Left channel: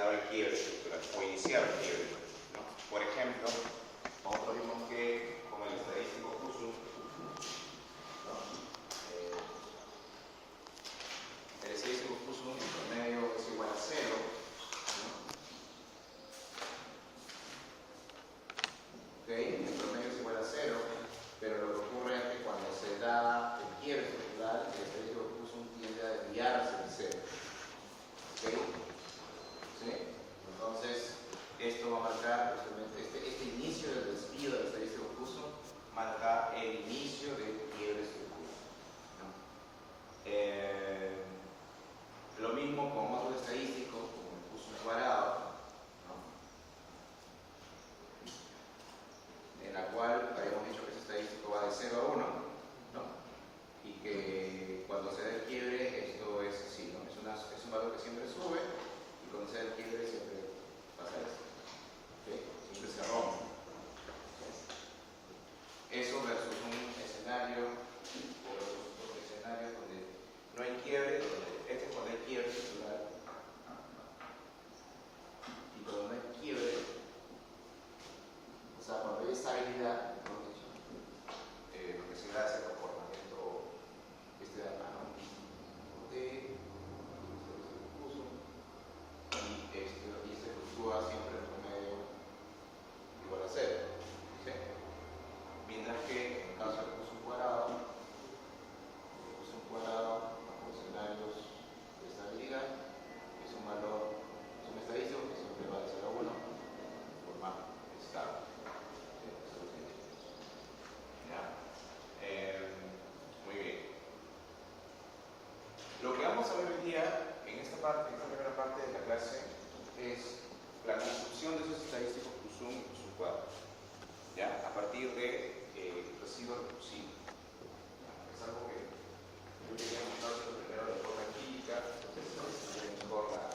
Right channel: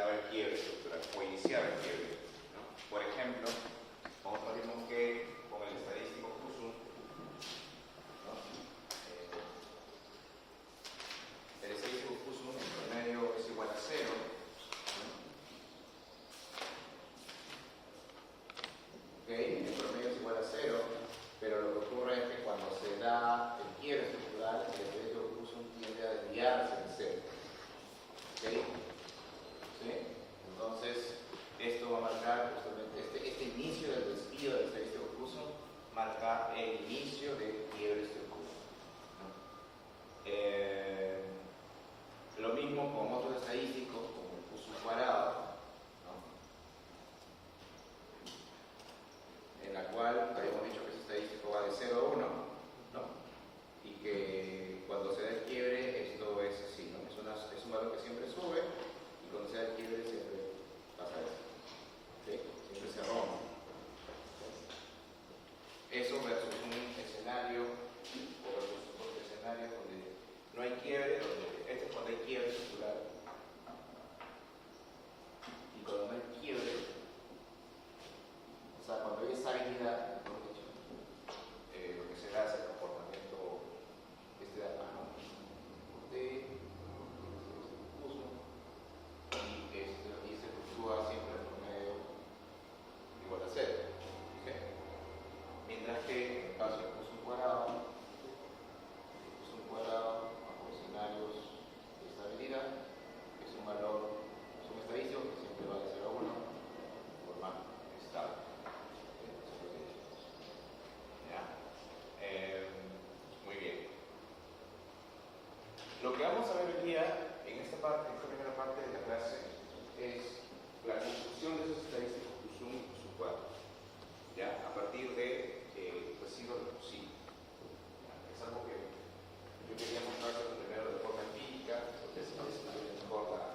daba el quiebre estructural o iniciaba el quiebre, ¿no? Por ejemplo, nosotros vimos que con el estadístico Husum, ¿no? El estadístico Husum en promedio es igual a 0, ¿no? ¿Okay? El promedio es igual a 0, pero lo que ocurre es que cuando se da el quiebre estructural, el estadístico Husum tiende a desviarse del 0. ¿Okay? ¿Sí? Entonces, esto va a marcar justamente este inicio del desvío del estadístico Husum, marca el inicio del quiebre estructural, ¿no? Lo mismo con otros estadísticos, como el Husum cuadrado, ¿no? En la cual habíamos dicho que ese estadístico va de 0 a 1, ¿no? Y que cuando se da el quiebre, esto es así, ¿no? Es un valor que siempre sube, y cuando se da el quiebre siempre pasa esto, ¿sí? Siempre se rompe. Eso versus un escenario, o versus otro escenario donde no hay quiebre, este es cuando hay quiebre estructural, y cuando no hay quiebre, o sea, cuando hay estabilidad, mejor dicho, lo que se da es el comportamiento de acá, ¿no? Y este fluctúa siempre en promedio igual a 0, ¿sí? Mientras que en el caso del Husum cuadrado bajo escenarios de estabilidad, es un valor, es un estadístico que siempre va de 0 a 1 de forma estable. ¿Ya? Muy bien. Lo que vamos a ver hoy día en esta primera parte de la clase, es la construcción de esos estadísticos Husum y Husum cuadrado, ¿ya? A partir de residuo recursivo. Es algo que yo quería mostrar primero de forma empírica, porque se ve mejor la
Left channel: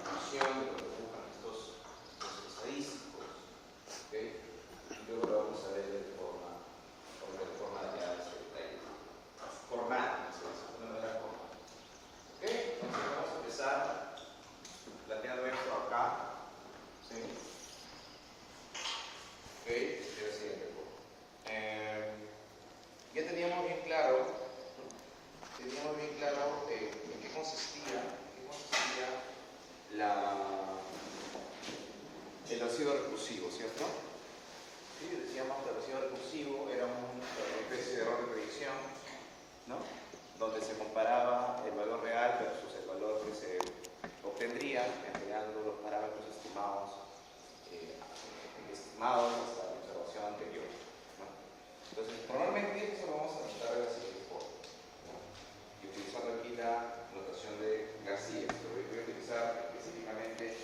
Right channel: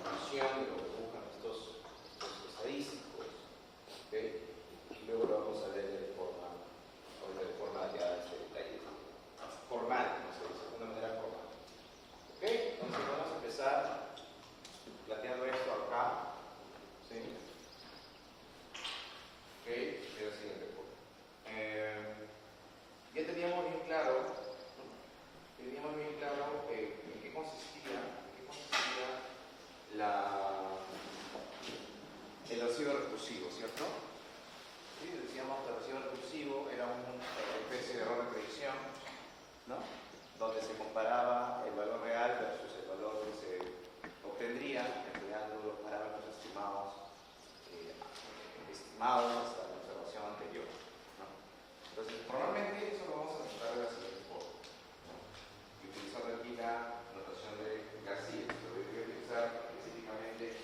conclusión de lo que buscan estos estadísticos, ¿okay? Y luego lo vamos a ver de forma ya formal, no sé, de una manera formal. ¿Ok? Entonces vamos a empezar planteando esto acá, ¿sí? ¿Ok? Quiero decir el recuerdo. Ya teníamos bien claro en qué consistía el residuo recursivo, ¿cierto? ¿Sí? Decíamos que el residuo recursivo era una especie de error de predicción, ¿no? Donde se comparaba el valor real versus el valor que se obtendría empleando los parámetros estimados hasta la observación anterior, ¿no? Entonces, normalmente eso lo vamos a tratar de la siguiente forma, ¿no? Y utilizando aquí la notación de García, pero voy a utilizar específicamente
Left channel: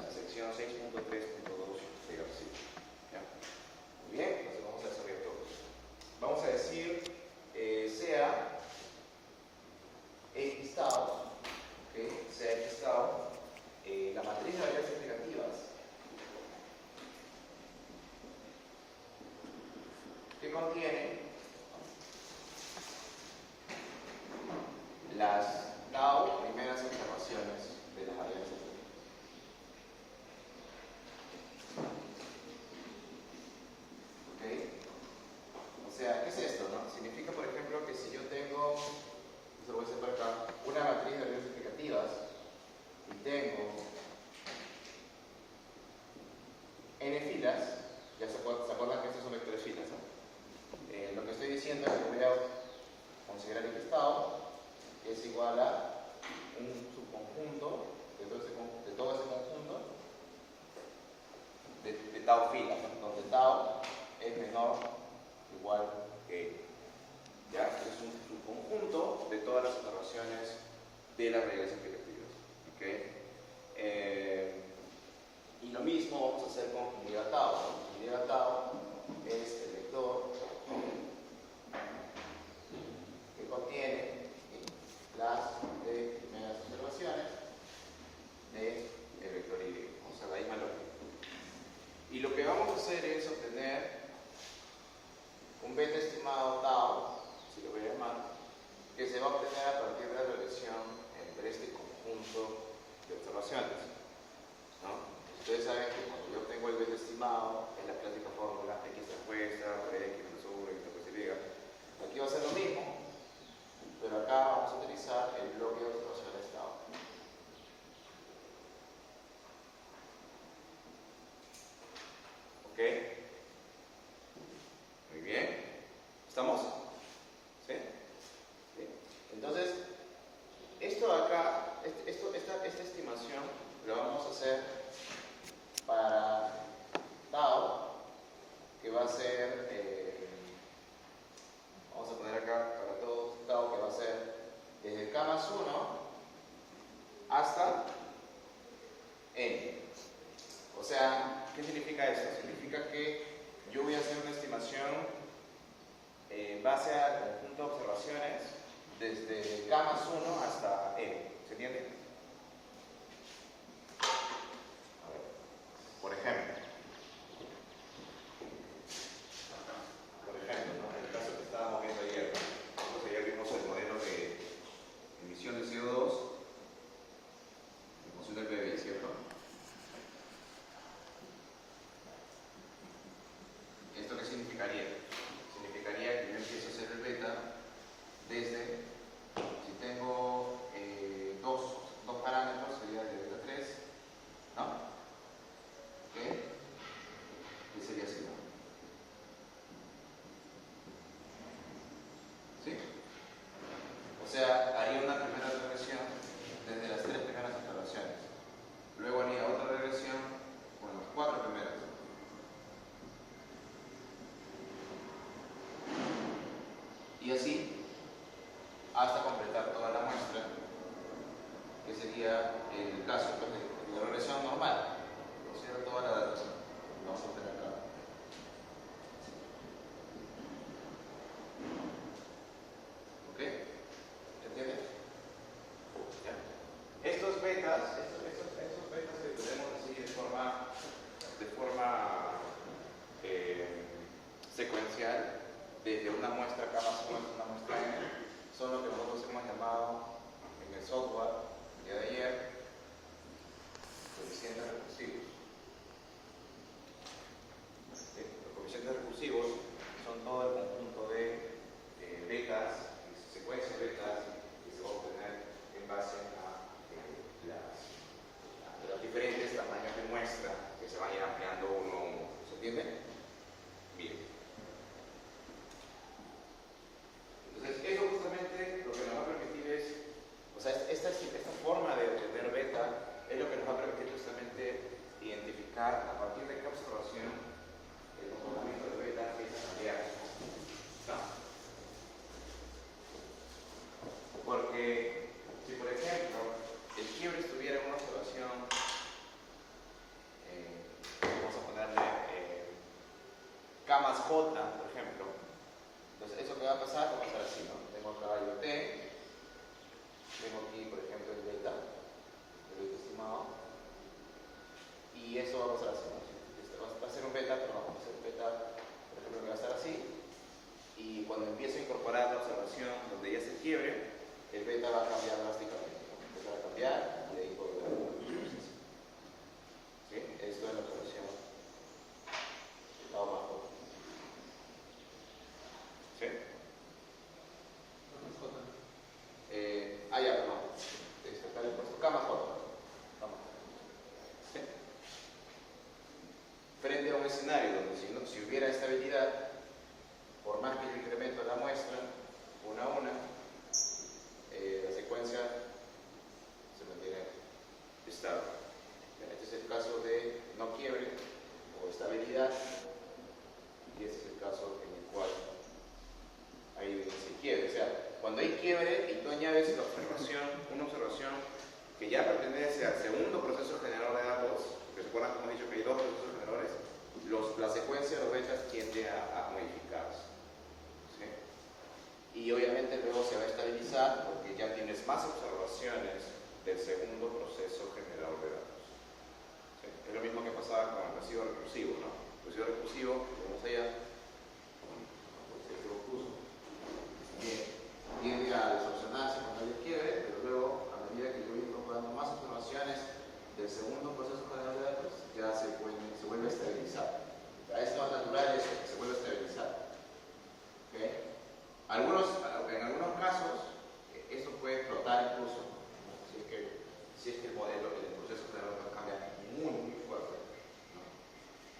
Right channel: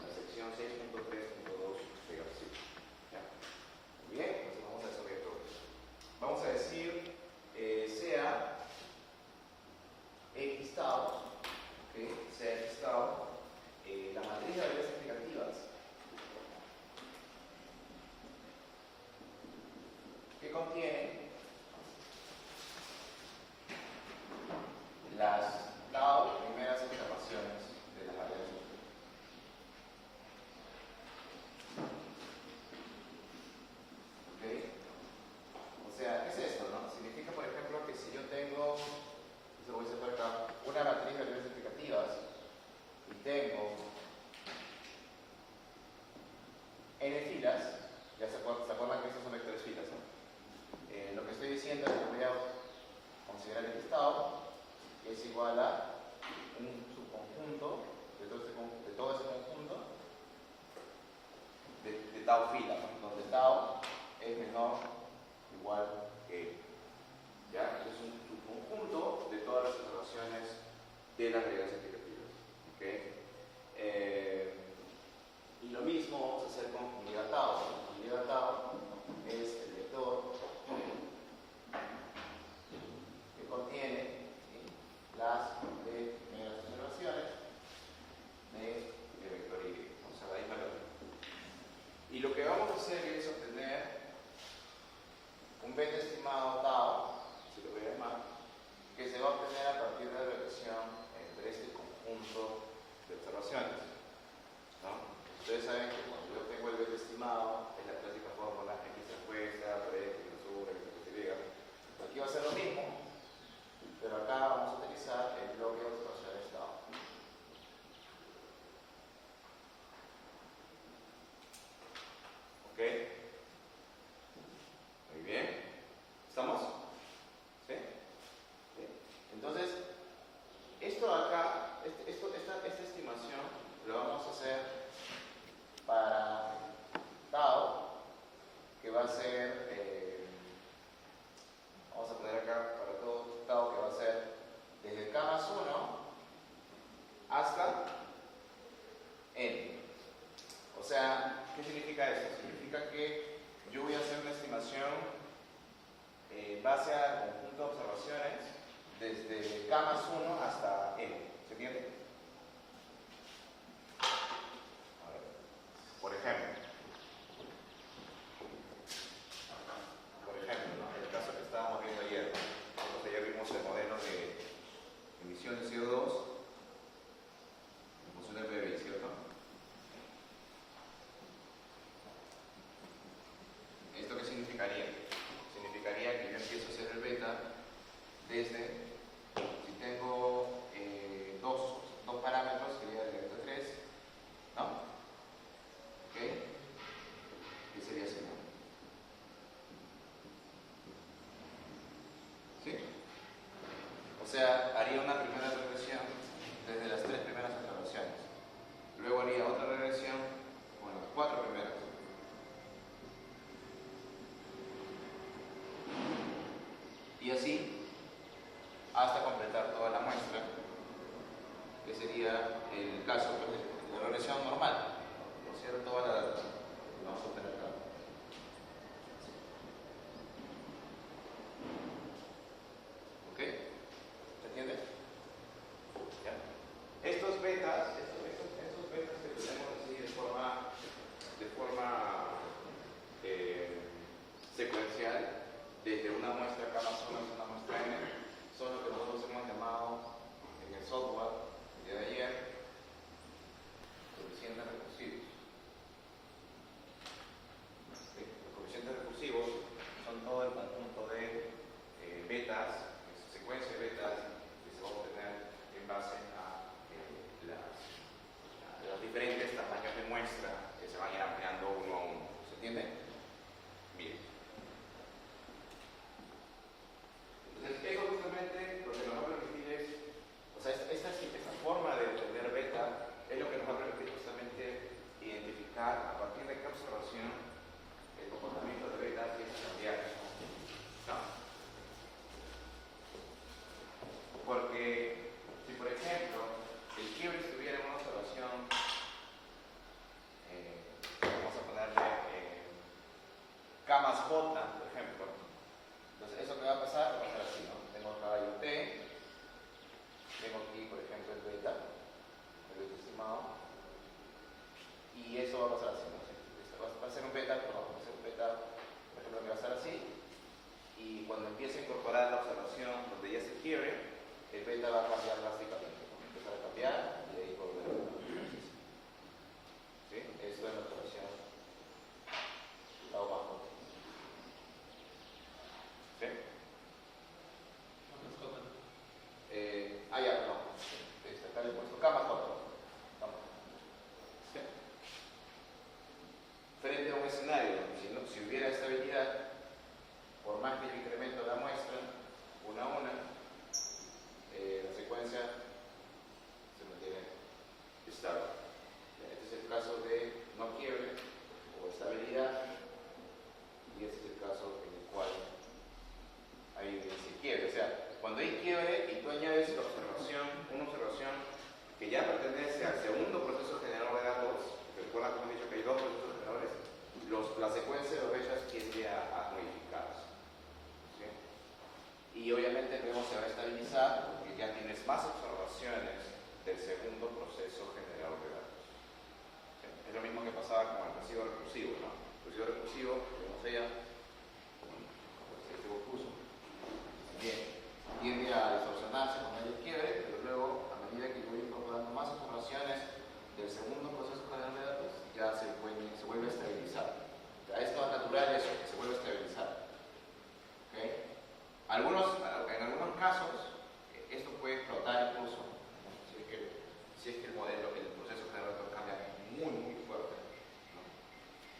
la sección 6.3.2 de García, ¿ya? Muy bien, entonces vamos a desarrollar todo esto. Vamos a decir sea X tau, ¿okay? Sea X tau, la matriz de variables explicativas que contiene las tau primeras observaciones de las variables explicativas. ¿Okay? O sea, ¿qué es esto, no? Significa, por ejemplo, que si yo tengo, eso lo voy a hacer por acá, una matriz de variables explicativas y tengo n filas, ya se acuerdan que estos son vectores filas, ¿no? Lo que estoy diciendo es que voy a considerar X tau que es igual a un subconjunto de todo ese conjunto de tau filas, ¿no? Donde tau es menor o igual que N. ¿Ya? Es un subconjunto de todas las observaciones de las reglas explicativas. ¿Okay? Y lo mismo vamos a hacer con unidad tau. Unidad tau es el vector que contiene, ¿sí?, las primeras observaciones del vector Y, o sea, la misma lógica. Y lo que vamos a hacer es obtener un beta estimado tau, si lo voy a llamar, que se va a obtener a partir de la relación entre este conjunto hacer para tau, que va a ser, vamos a poner acá para todo tau, que va a ser desde k más 1 hasta n. O sea, ¿qué significa esto? Significa que yo voy a hacer una estimación en base al conjunto de observaciones desde k más 1 hasta n. ¿Se entiende? A ver. Por ejemplo, ¿no? En el caso que estábamos viendo ayer, nosotros ayer vimos el modelo de emisión de CO2 en función del PBI, ¿cierto? ¿Esto qué significaría? Significaría que yo empiezo a hacer el beta desde, si tengo dos parámetros, sería el beta 3, ¿no? ¿Ok? ¿Qué sería así, no? ¿Sí? O sea, haría una primera regresión desde las 3 primeras observaciones. Luego haría otra regresión con las 4 primeras. Y así hasta completar toda la muestra, que sería el caso de la regresión normal. O sea, toda la data que vamos a obtener acá. ¿Ok? ¿Se entiende? Estos betas que podemos decir de forma secuencial, desde una muestra K más 1 hasta una muestra N, son lo que nosotros hemos llamado en el software el día de ayer coeficientes recursivos. ¿Sí? Los coeficientes recursivos son todo el conjunto de betas, secuencia de betas que se va a obtener en base a los diferentes tamaños de muestra que se van a ir ampliando uno a uno. ¿Se entiende? Bien. Entonces, eso justamente lo que nos va a permitir es, o sea, esta forma de obtener beta es lo que nos va a permitir justamente identificar a partir de cada observación el comportamiento de beta empieza a cambiar. ¿No? Porque si por ejemplo el quiebre estuviera en una observación, vamos a ponerle K más J, por ejemplo, entonces eso que va a pasar así, ¿no? Tengo acá IoT, tengo aquí por ejemplo el beta estimado, y eso va a pasar así, ¿no? Va a ser un beta, pero vamos a hacer un beta, por ejemplo, que va a estar así, y cuando empiezo a incorporar la observación donde ya se quiebre, el beta va a cambiar drásticamente, ¿no? Empezar a cambiar y ahí volver a proceso. ¿Sí? Esto es la observación tau bajo. ¿Sí? Ya, perdón. Acá le he puesto K más J. ¿Sí? Frente a un escenario donde si hubiera estabilidad, por más que el incremento de la muestra, una a una, la secuencia se mantiene estable. Este es el caso de no quiebre o estabilidad, y este es el caso en el cual hay evidencia de quiebre. O sea, cuando hay quiebre y tú añades una observación que ya pertenece al segundo proceso generador de datos, recuerdan como he dicho que hay dos procesos generadores, la secuencia de los betas tiende a modificarse. ¿Sí? Y obviamente luego se va a estabilizar porque ya tienes más observaciones del segundo proceso generador de datos. ¿Sí? Es lo mismo que pasaba con el residuo recursivo, ¿no? El residuo recursivo, vemos allá, bien, tiende a distorsionarse cuando hay quiebre, pero luego, a medida que voy incorporando más observaciones del segundo proceso generador de datos, ya se vuelve a estabilizar. Es lo natural eso, que se vuelve a estabilizar. ¿Okay? En algunos casos, esto puede explotar incluso, ¿no? Si es que el modelo, el proceso generador cambia muy fuerte, ¿no?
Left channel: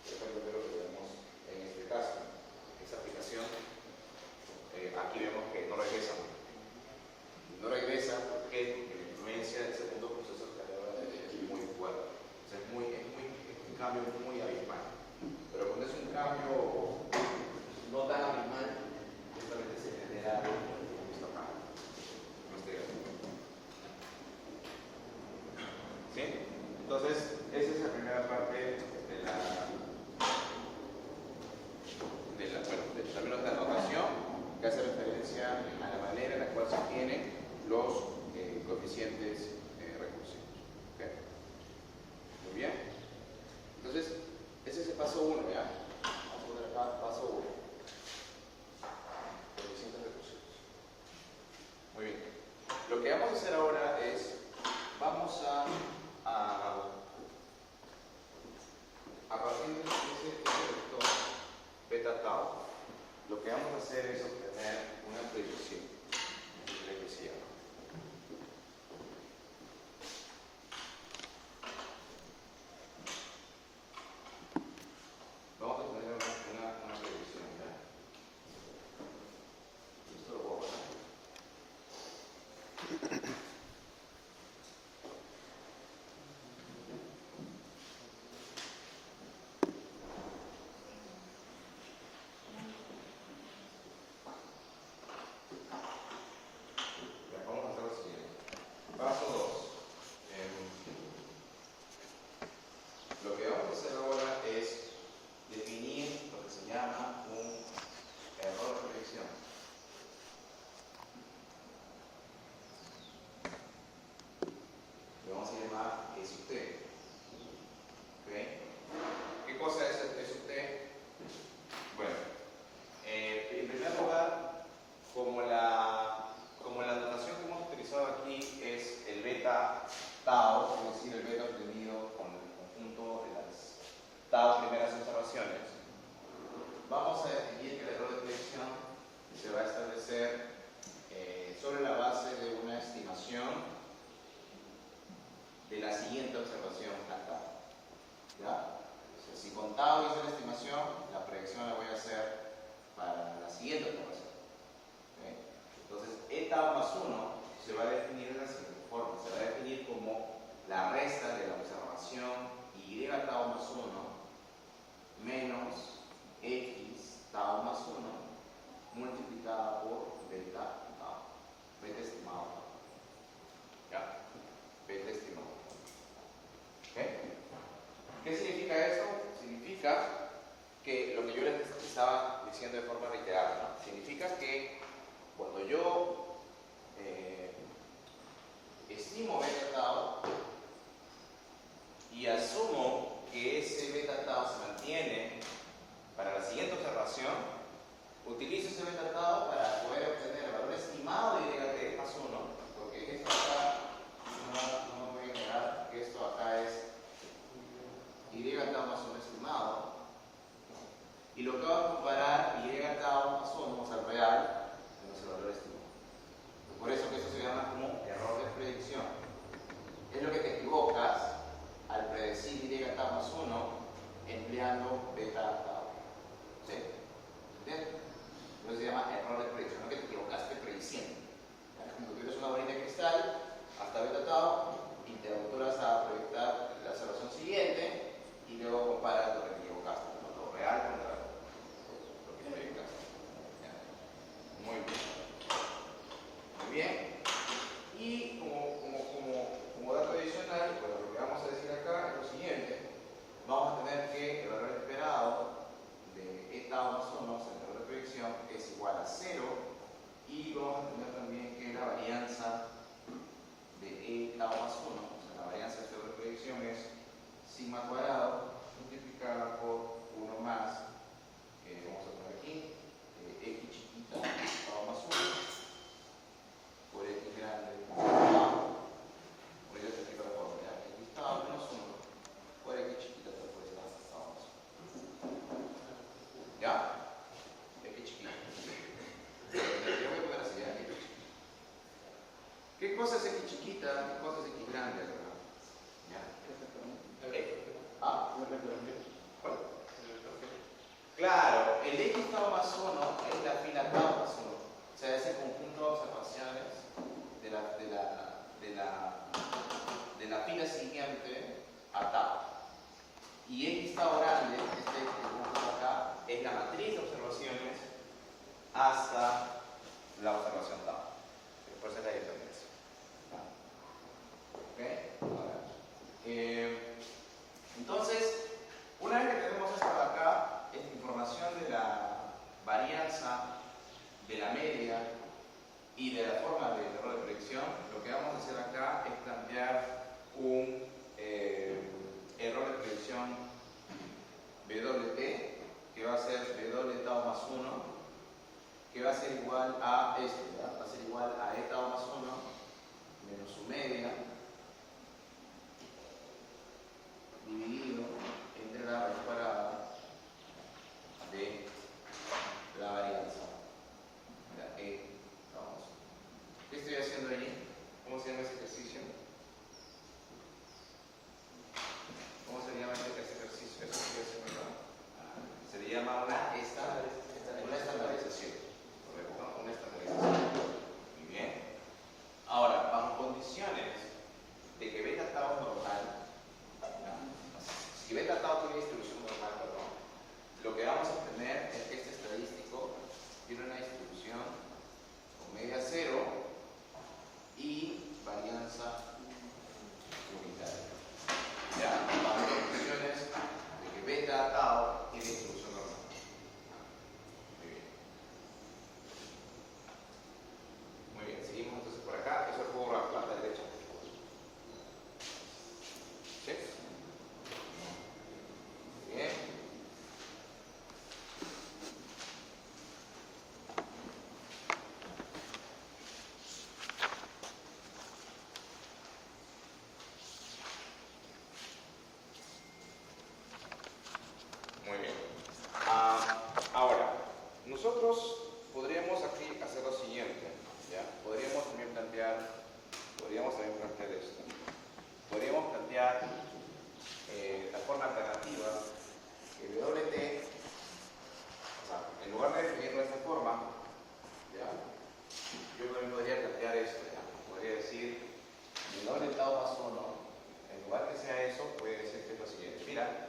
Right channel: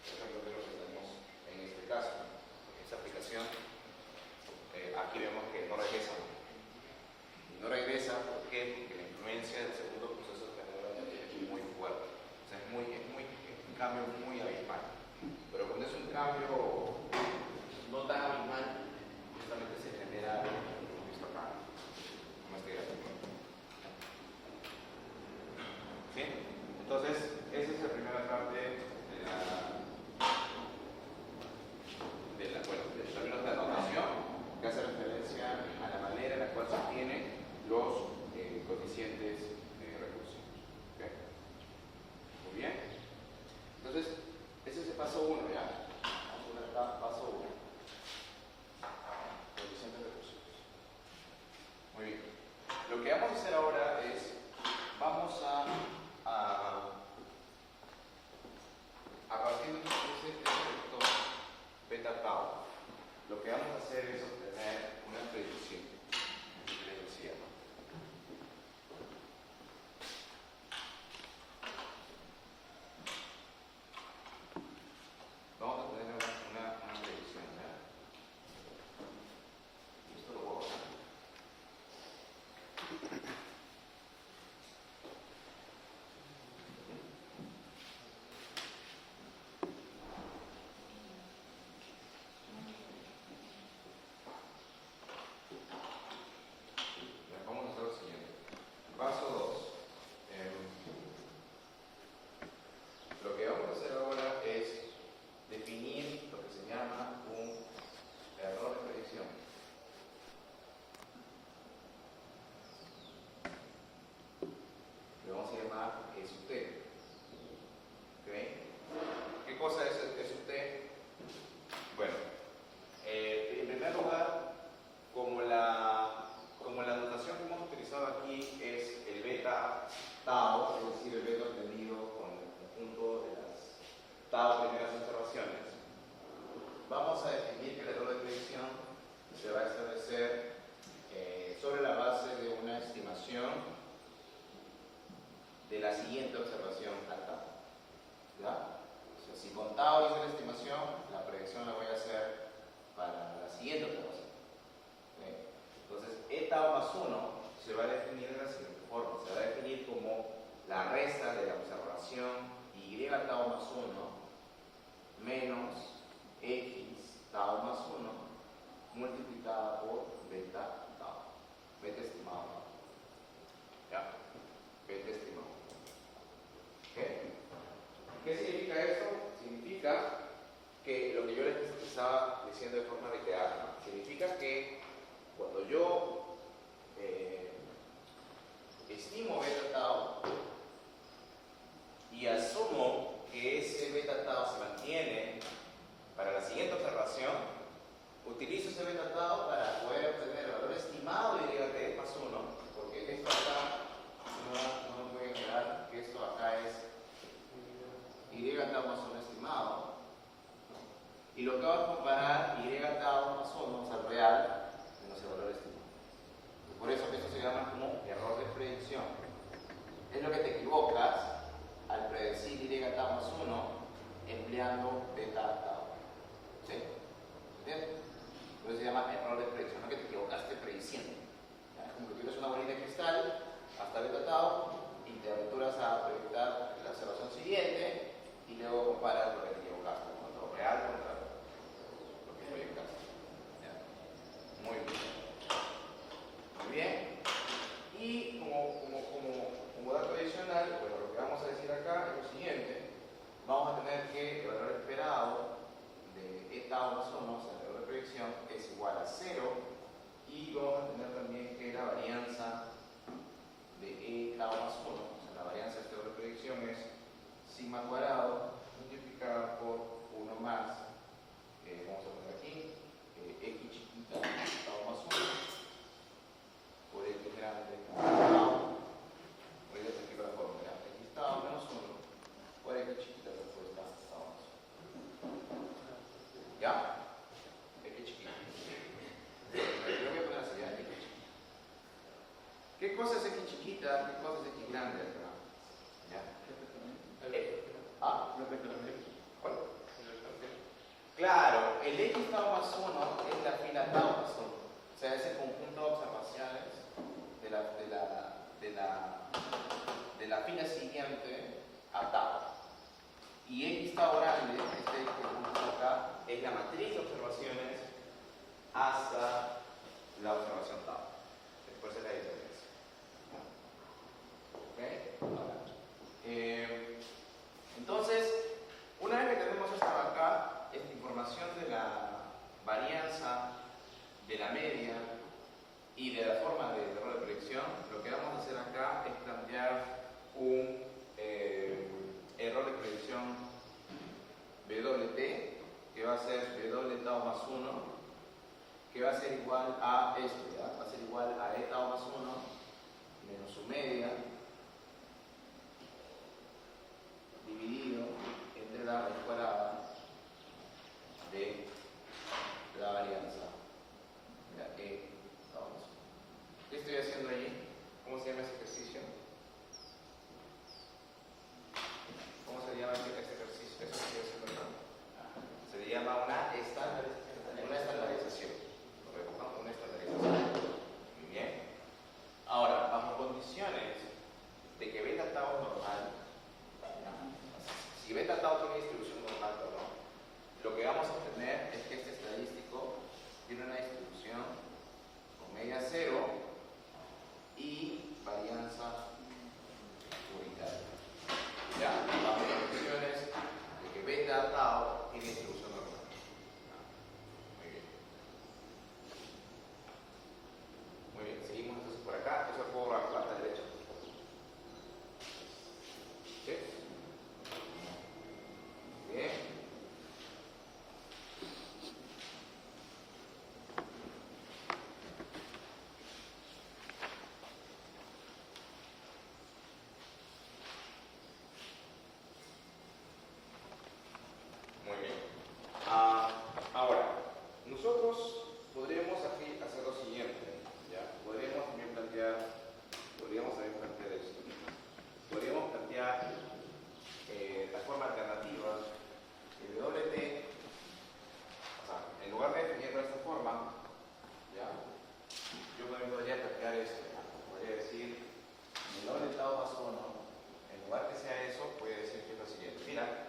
Por ejemplo, lo que tenemos en este caso, esa aplicación, aquí vemos que no regresa. No regresa porque la influencia del segundo proceso generador es muy fuerte. O sea, Entonces, esa es la primera parte de los términos de anotación que hace referencia a la manera en la cual se obtienen los coeficientes recursivos. ¿Okay? Muy bien. Entonces, ese es el paso 1, ¿ya? Vamos a poner acá paso 1. Coeficientes recursivos. Muy bien. Lo que vamos a hacer ahora es, vamos a partir de ese vector beta tau, lo que vamos a hacer es obtener una predicción. Vamos a obtener una predicción, ¿ya? Esto lo voy a hacer. Lo que vamos a hacer ahora es definir lo que se llama un error de predicción. Le vamos a llamar S sub t. ¿Okay? ¿Qué cosa es S sub t? Bueno, en primer lugar, como la notación que hemos utilizado aquí es el beta tau, es decir, el beta obtenido con el conjunto de las tau primeras observaciones, vamos a definir que el error de predicción se va a establecer sobre la base de una estimación de la siguiente observación tau. ¿Ya? O sea, si con tau hice la estimación, la predicción la voy a hacer para la siguiente observación. ¿Okay? Entonces, E tau más 1 se va a definir de la siguiente forma. Se va a definir como la resta de la observación Y tau más 1 menos X tau más 1 multiplicada por beta tau. Beta estimado tau. ¿Ya? Beta estimado. ¿Okay? ¿Qué significa esto? Significa que lo que yo les estaba diciendo de forma reiterada, ¿no? Significa que cuando yo estimo beta tau y asumo que ese beta tau se mantiene para la siguiente observación, utilizo ese beta tau para poder obtener el valor estimado de Y más 1, porque esto acá, no voy a negar que esto acá es Y tau más 1 estimado, y lo que va a comparar Y tau más 1 al real menos el valor estimado. Por eso que esto se llama como error de predicción. Es lo que te equivocas al predecir Y tau más 1 empleando beta tau. ¿Sí? ¿Entiendes? Entonces se llama error de predicción, no que te equivocaste prediciendo. Es como que tuvieras una bolita de cristal hasta beta tau y te aventuras a proyectar la observación siguiente y luego comparas lo que te equivocaste, lo real contra lo que proyectaste. ¿Ya? Muy bien. Muy bien. Y como dato adicional, bueno, lo que vamos a decir acá es lo siguiente. Vamos a tener que el valor esperado de E tau más 1, o sea, el error de predicción, es igual a 0. Y vamos a tener también que la varianza de E tau más 1, o sea, la varianza de este error de predicción es sigma cuadrado multiplicada por 1 más, vamos a poner aquí, X chiquita tau más 1 por X grande tau. Voy a explicar la fórmula. X tau menos 1 por X chiquita por esta tau más 1. ¿Ya? X chiquita. Yo voy a poner así, ¿ya? X chiquita. ¿Qué cosa es X chiquita? ¿Qué cosa es X grande acá? ¿Ya? ¿Ah? ¿Cuál? Claro, el X tau más 1 es la fila tau más 1. O sea, es el conjunto de observaciones de la fila siguiente a tau. Y X tau grande, este conjunto acá, es la matriz de observaciones hasta la observación tau. Después es la diferencia. ¿Ok? Ahora, a ser igual a esto, ¿ya? Va a ser igual a e tau más 1 menos su media dividido entre la raíz cuadrada de la varianza. Ya, e tau más 1. ¿Qué estoy haciendo allí? ¿Cómo se llama ese ejercicio? ¿Cómo se llama ese ejercicio? Eso estoy haciendo acá. Se le llama una estandarización. Correcto, una estandarización. Muy bien. Ahora, bajo condiciones de que beta tau es normal, ¿ya? Si beta tau tiene distribución normal, perdón, lo que vamos a obtener es que este estadístico tiene una distribución con media cero y varianza unitaria. Ya, bajo condiciones de que beta tau tiene distribución normal. Muy bien. Muy bien, seguimos entonces por acá. Eso lo puedo a la derecha. ¿Sí? Muy bien. Muy bien. Ahora, nosotros podríamos aquí hacer lo siguiente, ¿ya? Podríamos también plantear esto. Podríamos plantear la forma alternativa que WT, o sea, en lugar de definirlo de esta forma, ¿ya? Yo también podría plantear esto, ¿ya? Podría decir, el doble tau más 1, en lugar que sea eso, puede decir que es lo siguiente. Mira,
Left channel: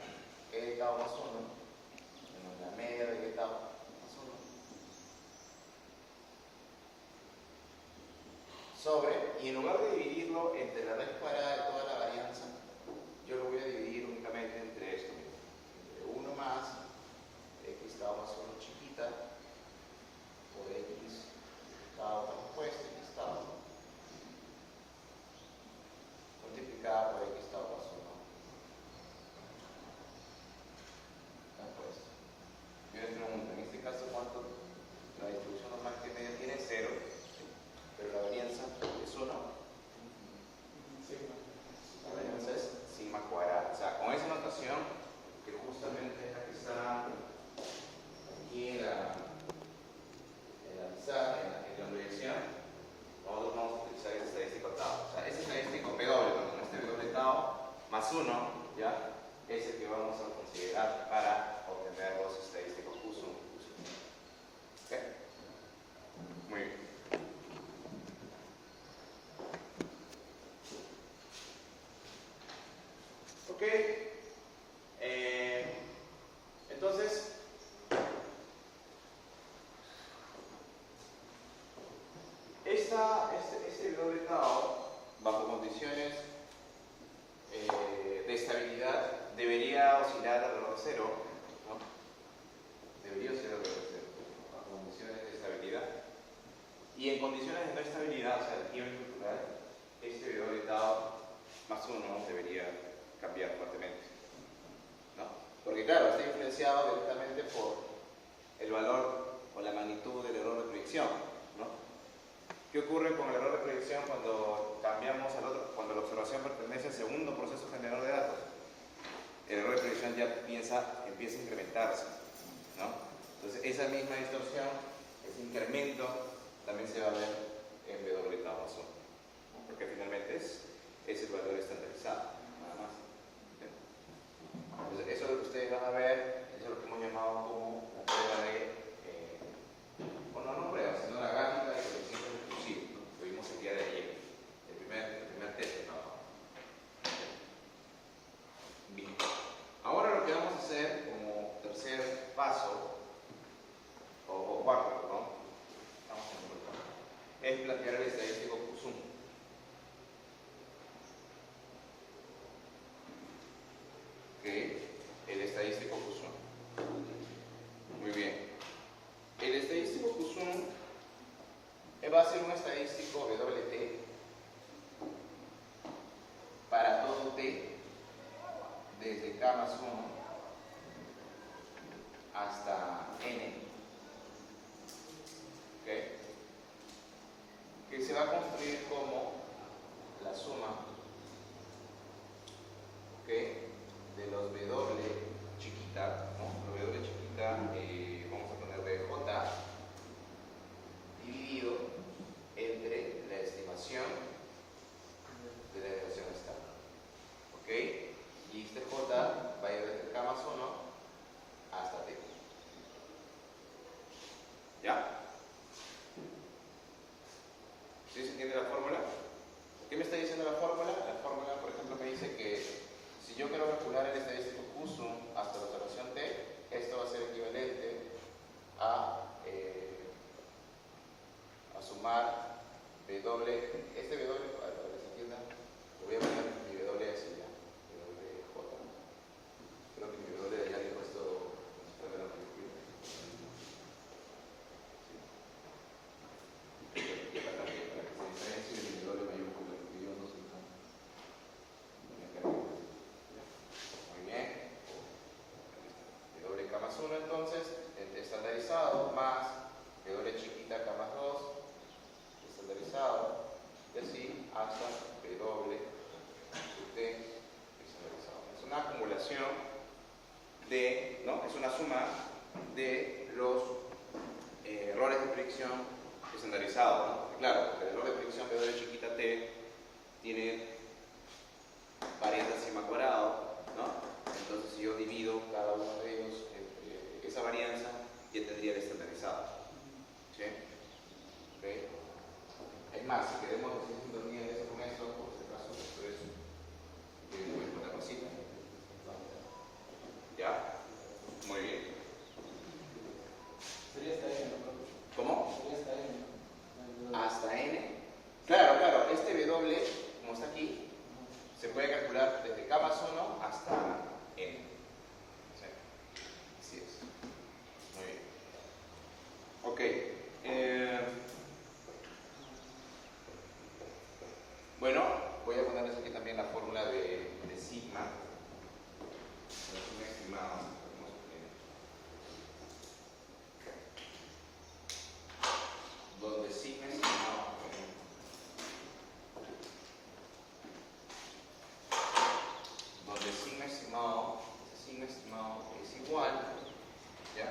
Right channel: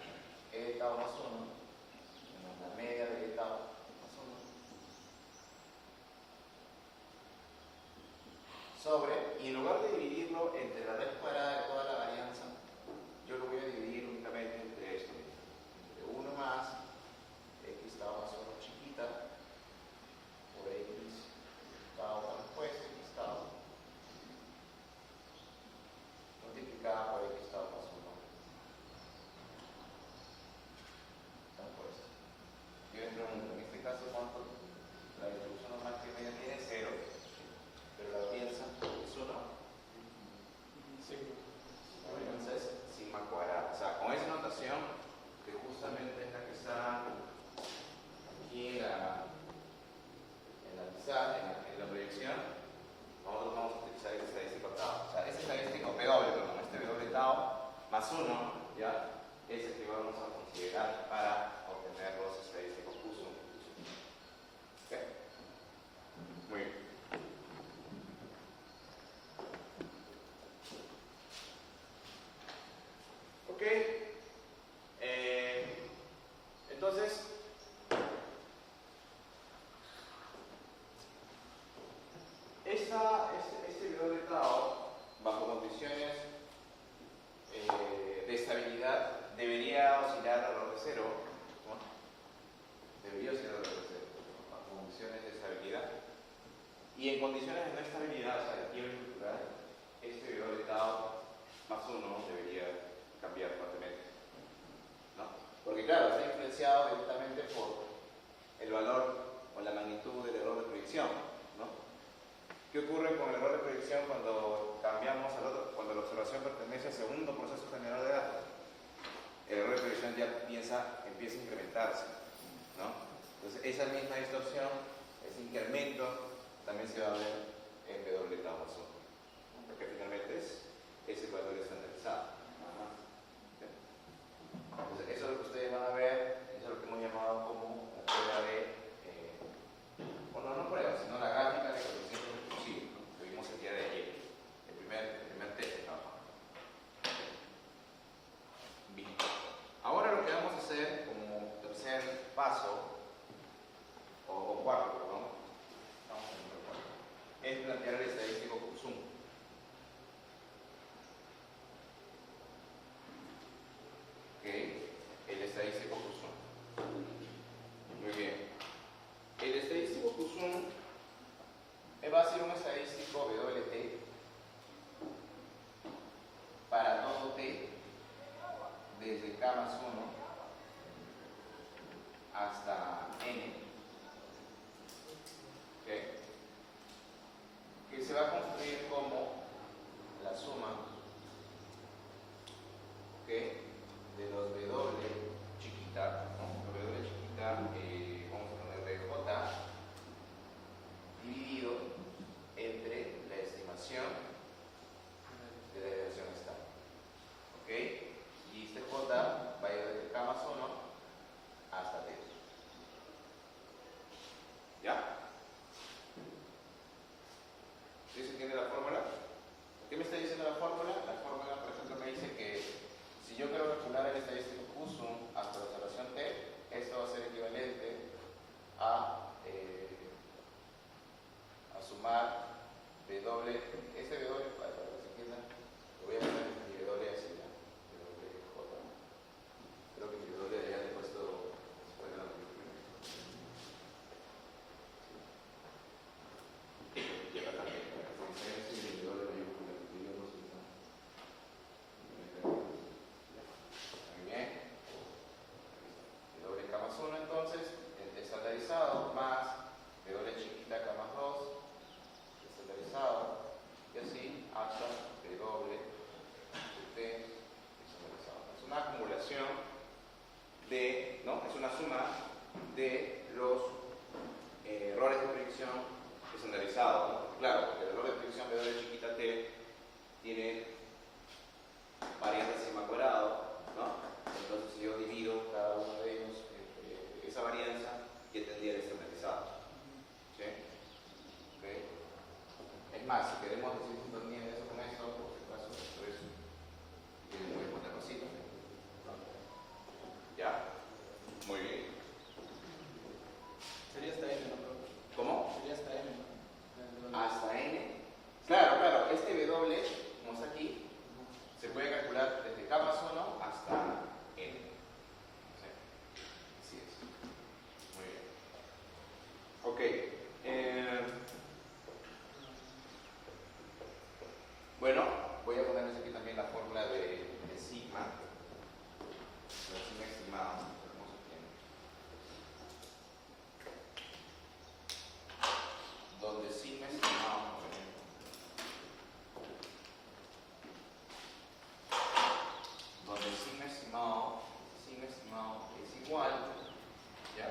e tau más 1 menos la media de e tau más 1 sobre, y en lugar de dividirlo entre la raíz cuadrada de toda la varianza, yo lo voy a dividir únicamente entre esto, mira, entre 1 más x tau más 1 chiquita por x tau transpuesta x tau multiplicada por x tau más 1 transpuesta. Yo le pregunto, en este caso, ¿cuánto? La distribución normal que media tiene 0, pero la varianza es 1. La varianza es sigma cuadrada. O sea, con esa notación, que justamente es la que está aquí en la pizarra, en la proyección, nosotros vamos a utilizar el estadístico tau. O sea, ese estadístico P doble, este doble tau más 1, ¿ya? Es el que vamos a considerar para obtener los estadísticos Q sum. ¿Ok? Muy bien. Ok. Entonces, este doble tau, bajo condiciones de estabilidad, debería oscilar alrededor de 0, ¿no? Debería oscilar alrededor de 0, bajo condiciones de estabilidad. Y en condiciones de no estabilidad, o sea, de quiebre cultural, este doble tau más 1 debería cambiar fuertemente, ¿no? Porque claro, está influenciado directamente por el valor o la magnitud del error de proyección, ¿no? ¿Qué ocurre con el error de proyección cuando cambiamos al otro, cuando la observación pertenece al segundo proceso generador de datos? El error de proyección ya empieza a incrementarse, ¿no? Entonces esa misma distorsión, ese incremento, también se va a ver en W tau más 1, ¿no? Porque finalmente es el valor estandarizado, nada más. ¿Sí? Entonces eso es lo que ustedes van a ver, eso es lo que hemos llamado como la prueba de, bueno, no prueba, sino la gráfica de coeficiente recursivo, que vimos el día de ayer, el primer test de trabajo. Bien, ahora lo que vamos a hacer como tercer paso, o cuarto, perdón, estamos en el número 4, es plantear el estadístico Q sum. Ok, el estadístico Q sum. Muy bien. El estadístico Q sum va a ser un estadístico WT para todo T desde K más 1 hasta N. ¿Ok? se va a construir como la suma, ¿ok?, de los W chiquita, ¿no? Los W chiquita, vamos a ponerle J, dividido entre la estimación de la desviación estándar, ¿ok? Y este J va a ir desde K más 1 hasta T. ¿Ya? ¿Sí se entiende la fórmula? ¿Qué me está diciendo la fórmula? La fórmula, por ejemplo, me dice que si yo quiero calcular el estadístico Q-sum hasta la observación T, esto va a ser equivalente a sumar W, este W, para que se entienda, lo voy a poner mi W así ya, WJ. Creo que mi W ya le he puesto, bueno, y acá también, para que se diferencie de mi W mayúscula, porque yo no soy tan. Muy bien. W K más 1 entonces, estandarizado, más W chiquita K más 2, estandarizado, y así hasta W T estandarizado. Es una acumulación de, ¿no? Es una suma de los errores de predicción estandarizados, ¿no? Claro, porque el error de predicción de W chiquita T tiene varianza sigma cuadrado, ¿no? Entonces si yo divido cada uno de ellos entre esa varianza, ya tendría el estandarizado. ¿Sí? ¿Ok? Es más, si queremos decir sintonía de eso con esto, por si acaso, pero eso voy a ponerlo así. ¿Ya? Muy bien. Sería hasta N, ¿no? ¿Cómo? Sería hasta N. Hasta N. Claro, claro, este W, como está aquí, se puede calcular desde K más 1 hasta N. ¿Sí? Así es. Muy bien. Ok. Bueno, voy a ponerles aquí también la fórmula de sigma. La sigma estimada. Donde sigma estimado. Donde sigma estimado es igual, ¿ya?,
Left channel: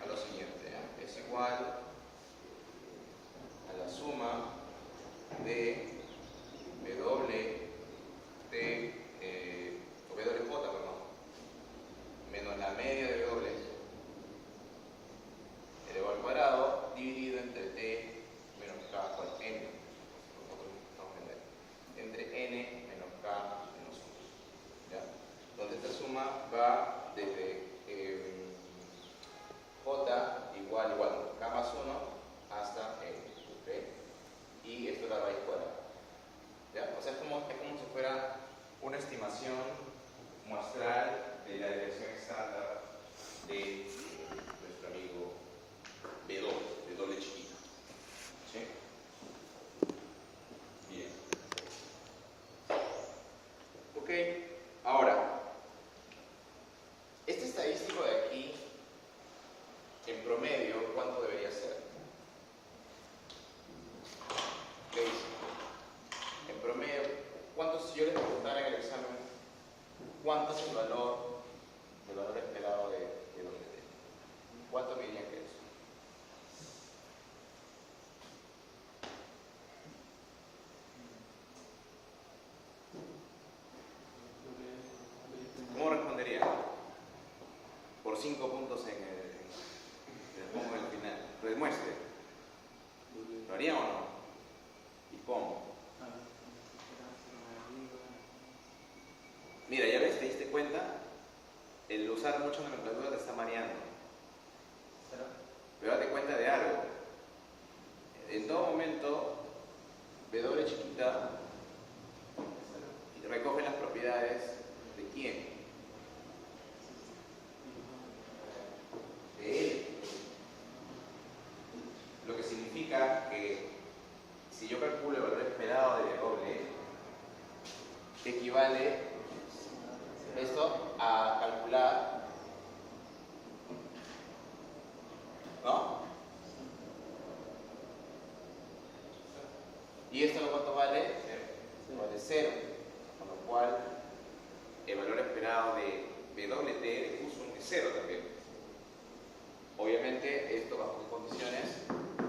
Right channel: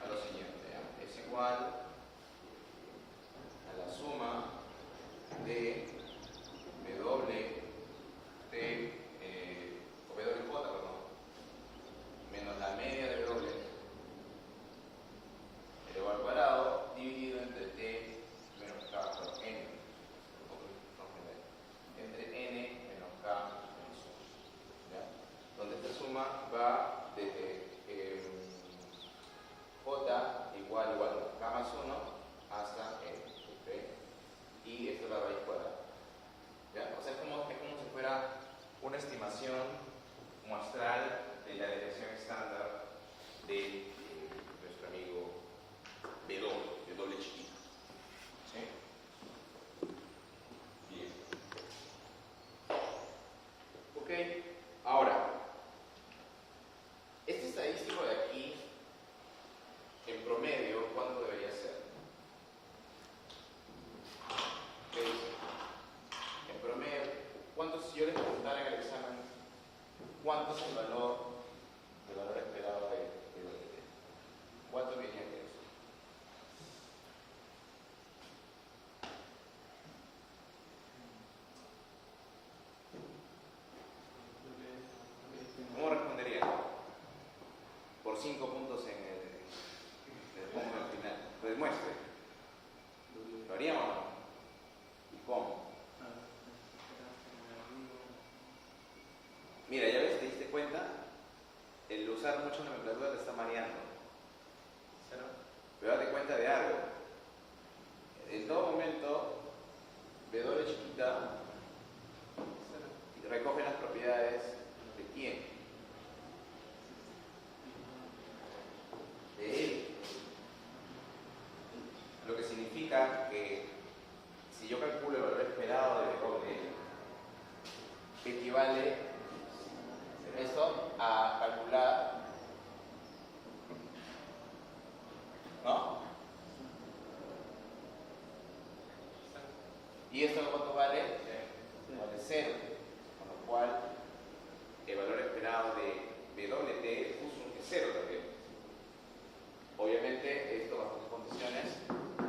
a lo siguiente, ¿ya? Es igual a la suma de W T, o WJ, perdón, menos la media de W elevado al cuadrado dividido entre T menos K, bueno, N, entre N menos K menos 1, ¿ya? Donde esta suma va desde J igual, K más 1 hasta N, ¿ok? Y esto es la raíz cuadrada, ¿ya? O sea, es como si fuera una estimación muestral de la desviación estándar de nuestro amigo B2, de doble chiquito. ¿Sí? Bien. Ok, ahora, este estadístico de aquí, en promedio, ¿cuánto debería ser? ¿Qué dice? En promedio, ¿cuánto, si yo les preguntara en el examen, cuánto es el valor esperado de WT? ¿Cuánto me dirían que es? ¿Cómo responderían? Por 5 puntos en el final. Lo demuestre. ¿Lo harían o no? ¿Y cómo? Mira, ya ves, te diste cuenta, el usar mucha nomenclatura te está mareando. Pero date cuenta de algo. En todo momento, W chiquita recoge las propiedades de quién? De él. Lo que significa que si yo calculo el valor esperado de W, equivale esto a calcular, ¿no? ¿Y esto cuánto vale? Vale 0. Con lo cual, el valor esperado de WT Qsum es 0 también. Obviamente, esto bajo condiciones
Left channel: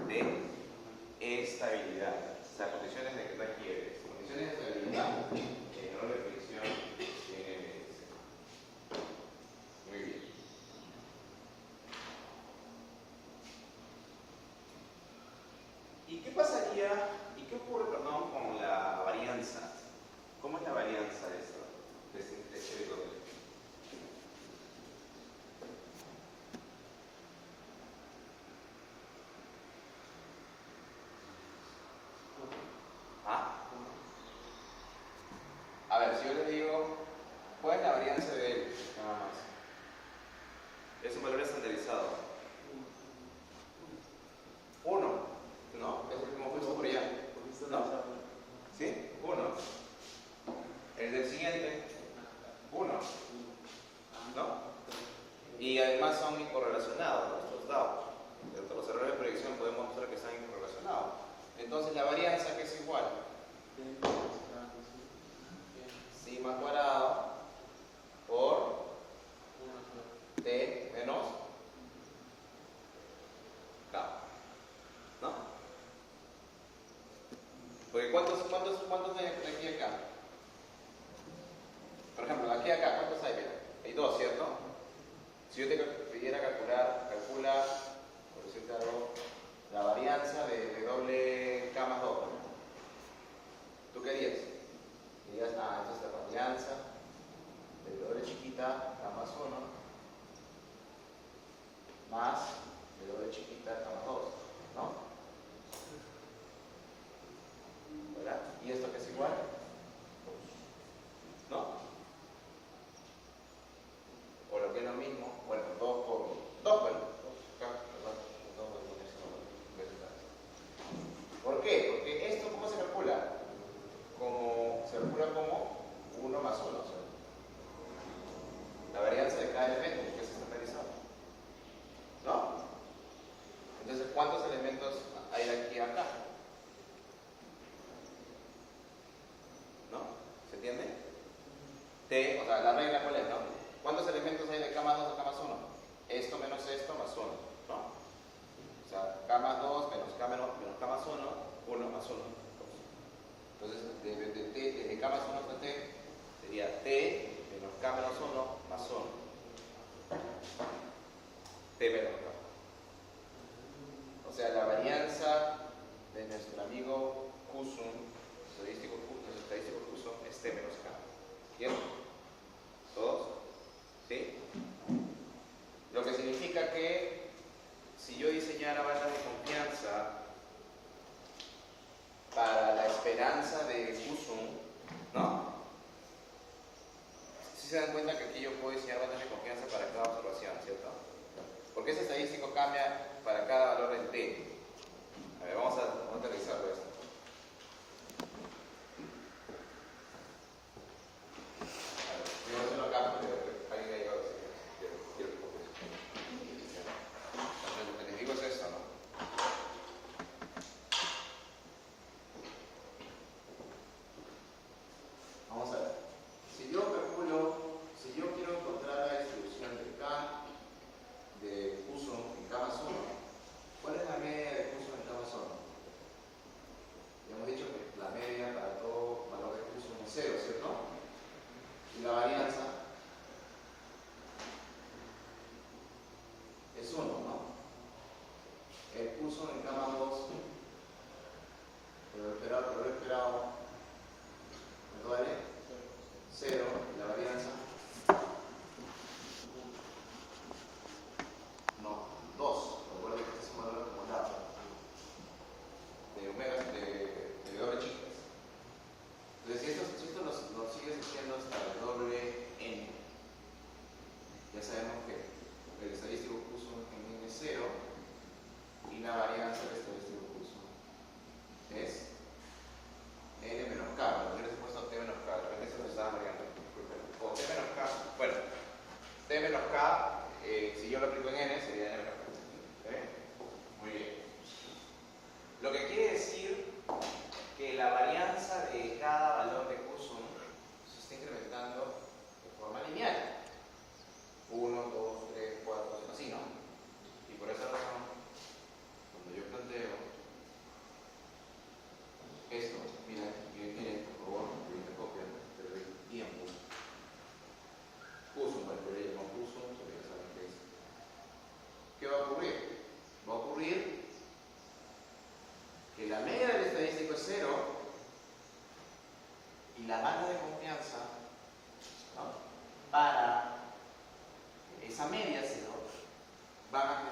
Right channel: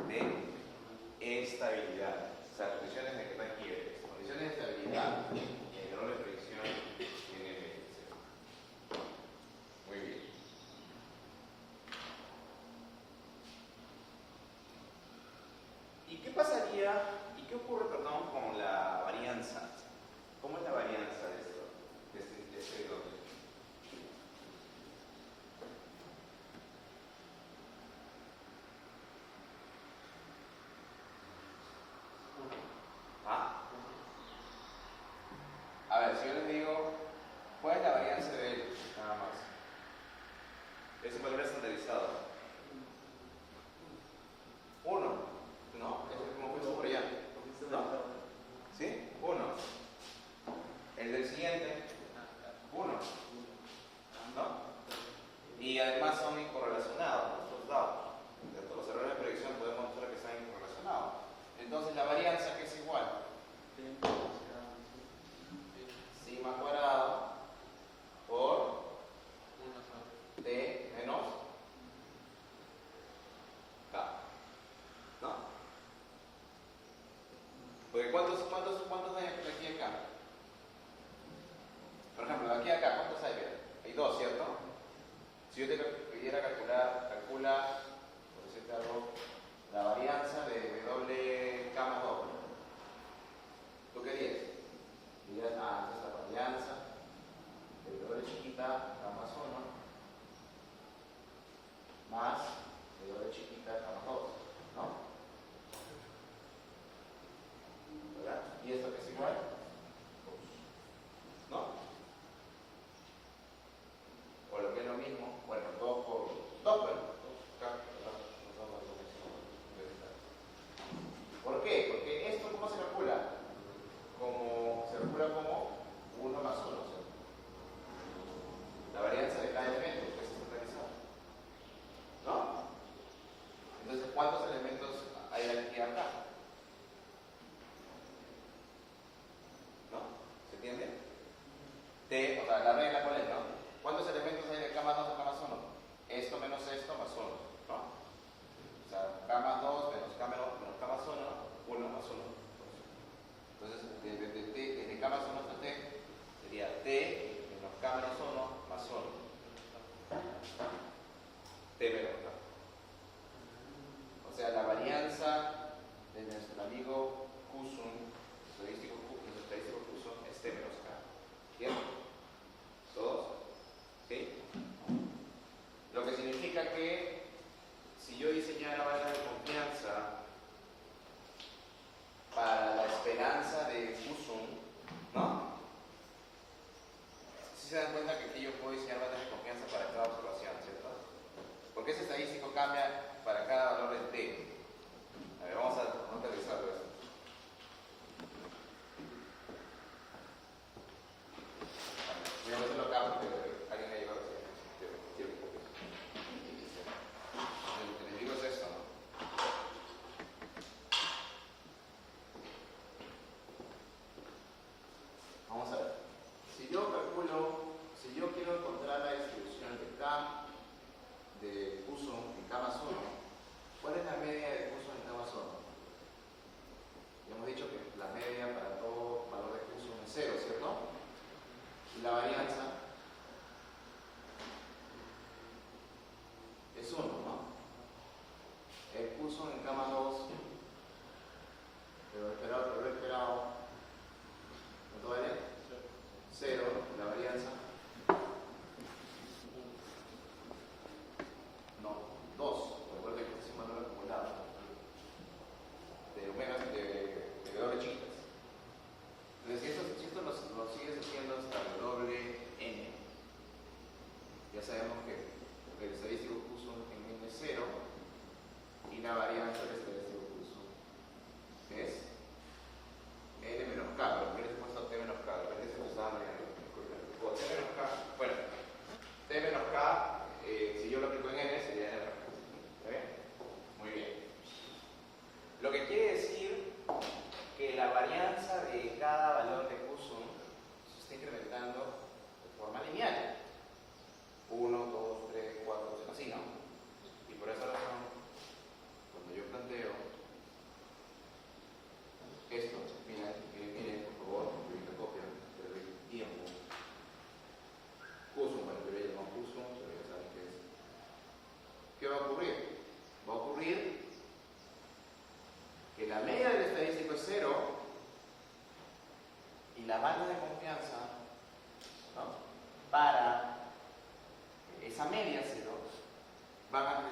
de estabilidad. O sea, condiciones de que no hay quiebres. Condiciones de estabilidad en el valor de predicción en MLC. Muy bien. ¿Y qué pasaría, y qué ocurre, perdón, con la varianza? ¿Cómo es la varianza de esto? De este doble. ¿Ah? A ver, si yo les digo, ¿cuál es la varianza de él? Nada más. Es un valor estandarizado. 1, ¿no? Es el como puesto por allá. ¿No? ¿Sí? 1. El del siguiente, 1. ¿No? Y además son incorrelacionados los dados. Dentro de los errores de predicción podemos mostrar que están incorrelacionados. Entonces la varianza que es igual sigma cuadrado por t menos k. ¿No? Porque ¿cuántos hay de aquí a acá? Por ejemplo, de aquí a acá, ¿cuántos hay? Mira, hay 2, ¿cierto? Si yo te pidiera calcula, por decirte algo, la varianza de WK más 2, ¿tú qué dirías? Dirías, esta es la varianza de W chiquita K más 1 más de W chiquita K más 2, ¿no? ¿Verdad? ¿Y esto que es igual? ¿No? O lo que es lo mismo, bueno, 2 por 2, bueno, 2K, ¿por qué? Porque esto, ¿cómo se calcula? Se calcula como 1 más 1, ¿cierto? La varianza de cada elemento, que es estandarizado. ¿No? Entonces, ¿cuántos elementos hay de aquí a acá? ¿No? ¿Se entiende? O sea, la regla cuál es, ¿no? ¿Cuántos elementos hay de K más 2 a K más 1? Esto menos esto más 1, ¿no? O sea, K más 2 menos K menos K más 1, 1 más 1. Entonces, desde K más 1 hasta T sería T menos K menos 1 más 1. T menos K. O sea, la varianza de nuestro amigo Qsum, nuestro estadístico Qsum, es T menos K. ¿Bien? ¿Todos? ¿Sí? Lo que significa que si yo diseñara banda de confianza para la esperanza de Qsum, ¿no? Si se dan cuenta que aquí yo puedo diseñar bandas de confianza para cada observación, ¿cierto? Porque ese estadístico cambia para cada valor del t. A ver, vamos a aterrizarlo esto. Yo no se lo acabo porque alguien me ha llegado a decir. Lo que les digo es esto, ¿no? Vamos a ver. Si yo quiero encontrar la distribución de K de Qsum en K más 1, ¿cuál es la media de Qsum en K más 1?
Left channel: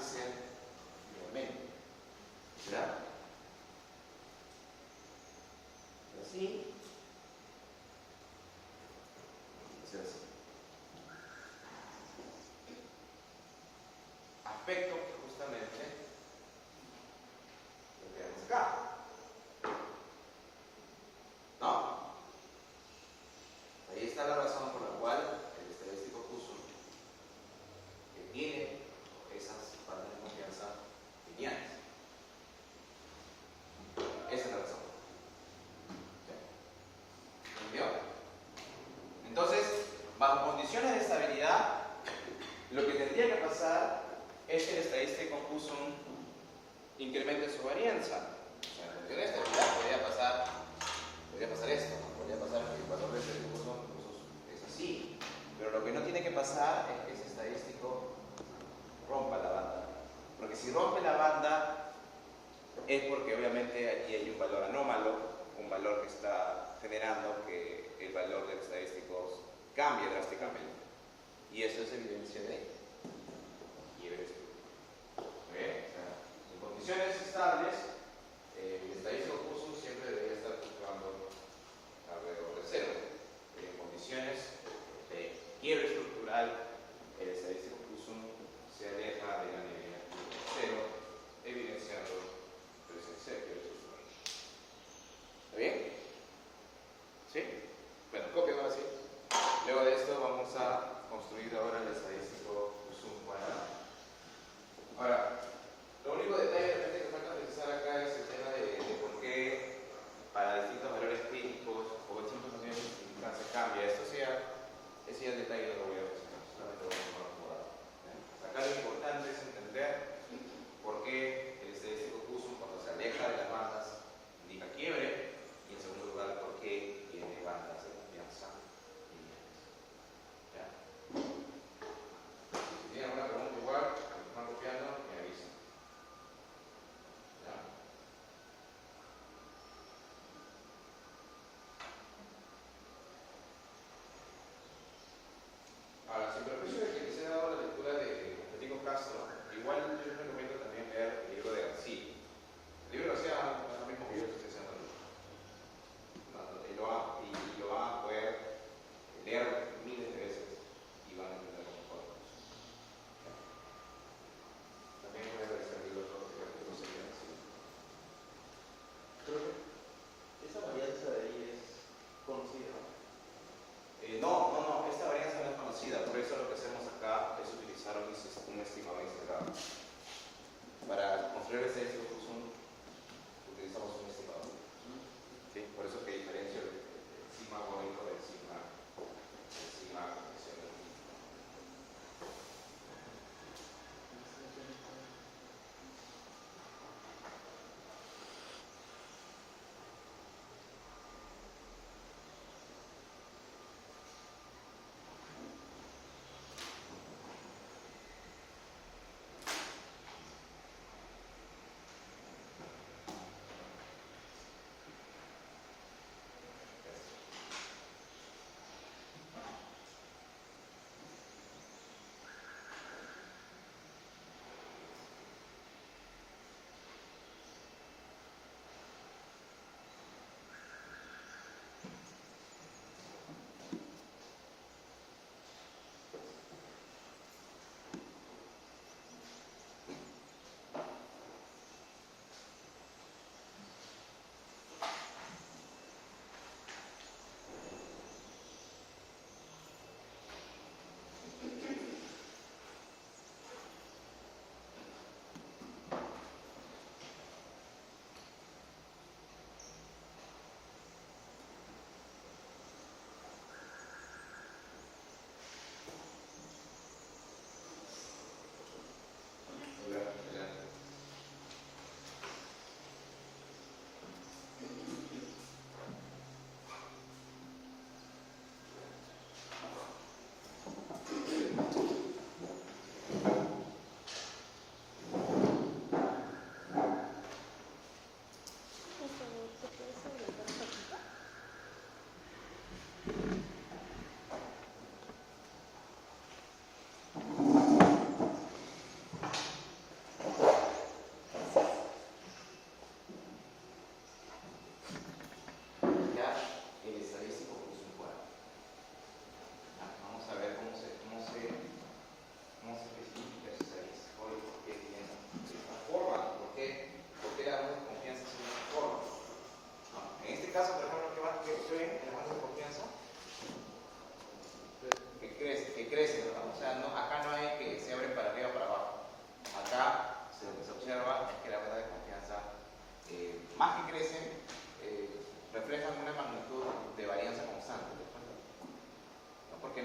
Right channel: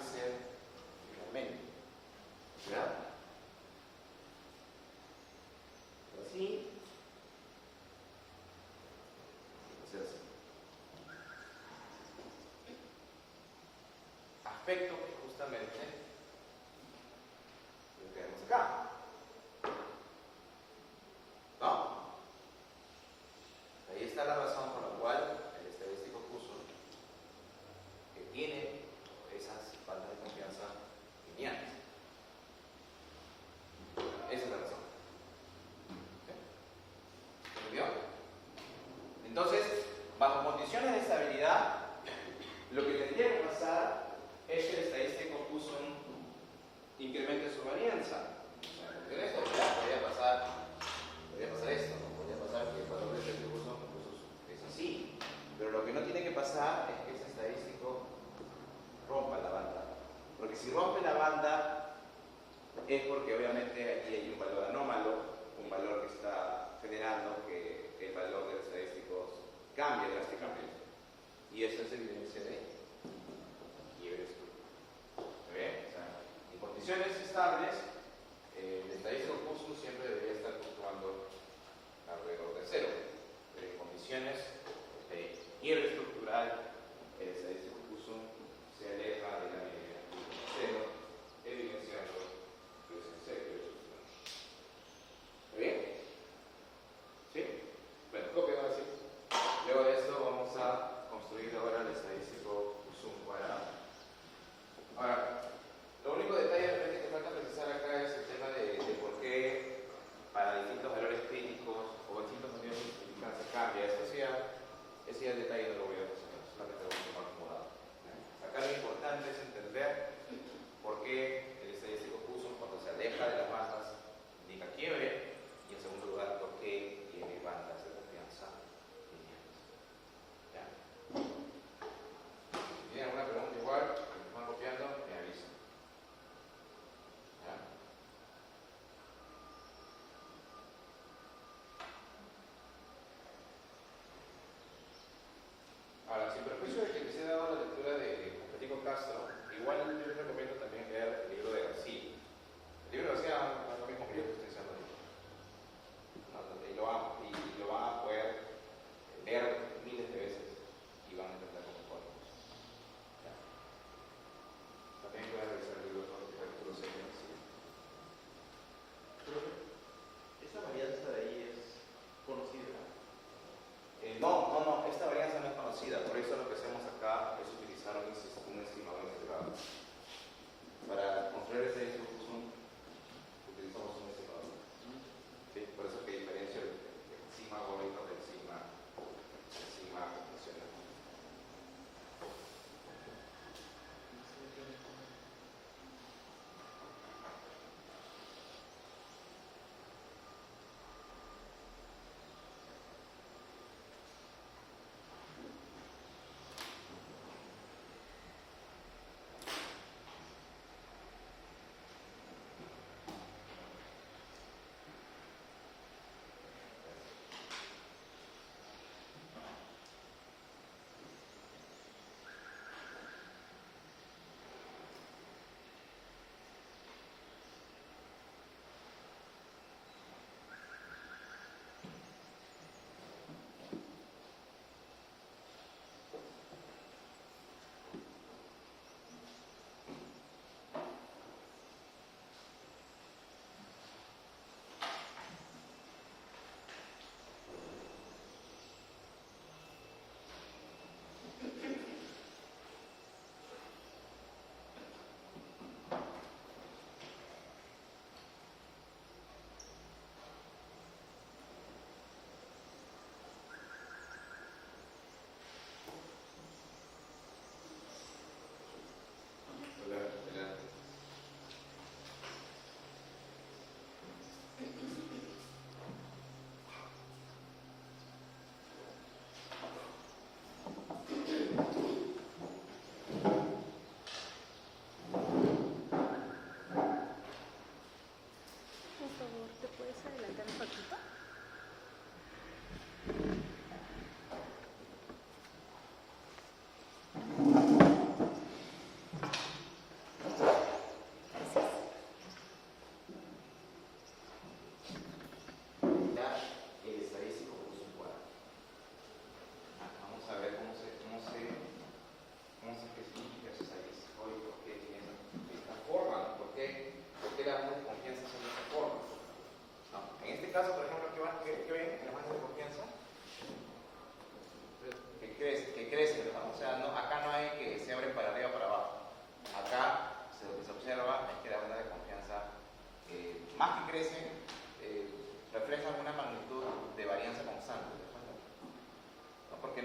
ser finalmente. ¿Verdad? Así. Hacer así. Aspecto que justamente lo que vemos acá. ¿No? Ahí está la razón por la cual el estadístico puso que tiene esas faltas de confianza lineales. Esa es la razón. ¿Sí? ¿Entendió? Entonces, bajo condiciones de estabilidad, lo que tendría que pasar es que el estadístico puso un incremento de su varianza. O sea, en esta podría pasar esto, ¿no? Podría pasar que el valor del estadístico es así. Pero lo que no tiene que pasar es que ese estadístico rompa la banda. Porque si rompe la banda es porque obviamente aquí hay un valor anómalo, un valor que está generando que el valor del estadístico cambie drásticamente. Y eso es evidencia de quiebre estructural. ¿Bien? O sea, en condiciones estables, el estadístico Poisson siempre debería estar fluctuando alrededor de cero. Pero en condiciones de quiebre estructural, el estadístico Poisson se aleja de la medida de cero, evidenciando presencia de quiebre estructural. ¿Está bien? ¿Sí? Bueno, copio así. Luego de esto vamos a construir ahora el estadístico Poisson cuadrado. Ahora, lo único detalle de repente que falta precisar acá es el tema de por qué para distintos valores críticos o distintos niveles de significancia cambia. Ese ya el detalle no lo voy a presentar, solamente lo voy a dejar acomodado. Acá lo importante es entender por qué el estadístico Poisson cuando se aleja de las bandas indica quiebre y en segundo lugar por qué tiene bandas de confianza lineales. ¿Ya? Si tienen alguna pregunta igual, me están copiando, me avisan. ¿Ya? Ahora, sin perjuicio de que les he dado la lectura de Federico Castro, igual yo les recomiendo también leer el libro de García. El libro de García es lo mismo que yo que estoy haciendo ahorita. Y lo van a poder leer miles de veces y van a entender cómo podemos. También pueden revisar el libro de los capítulos de García. Creo que esa varianza de ahí es conocida. No, esta varianza no es conocida, por eso lo que hacemos acá es utilizar un estimado integrado.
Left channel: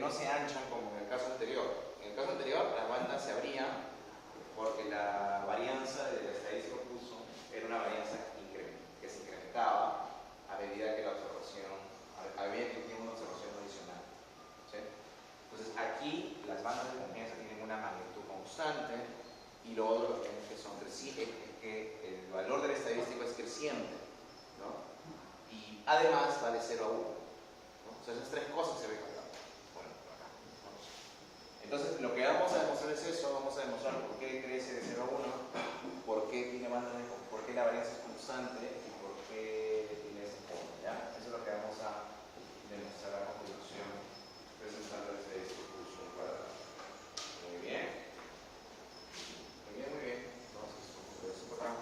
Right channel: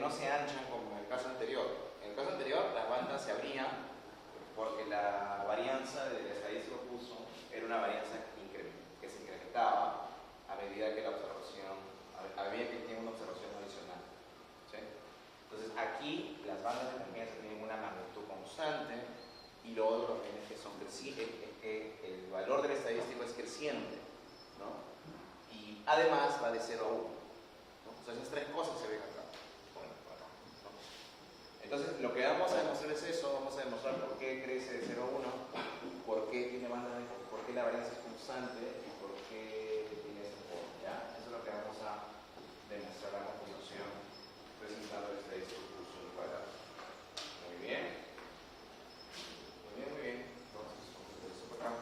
no se anchan como en el caso anterior. En el caso anterior, las bandas se abrían porque la varianza de la estadística Poisson era una varianza que se incrementaba a medida que la observación, a medida que tenía una observación adicional. ¿Sí? Entonces, aquí las bandas de confianza tienen una magnitud constante y lo otro también es que son crecientes, es que el valor del estadístico es creciente, ¿no? Y además va de 0 a 1. ¿No? O sea, esas tres cosas se ven acá. Bueno, acá, ¿no? Entonces, lo que vamos a demostrar es eso, vamos a demostrar por qué crece de 0 a 1, por qué tiene bandas de, por qué la varianza es constante y por qué tiene esa forma, ¿ya? Eso es lo que vamos a demostrar a continuación presentando el estadístico Poisson cuadrado. Muy bien. Muy bien, muy bien. Entonces, vamos a ver eso para acá.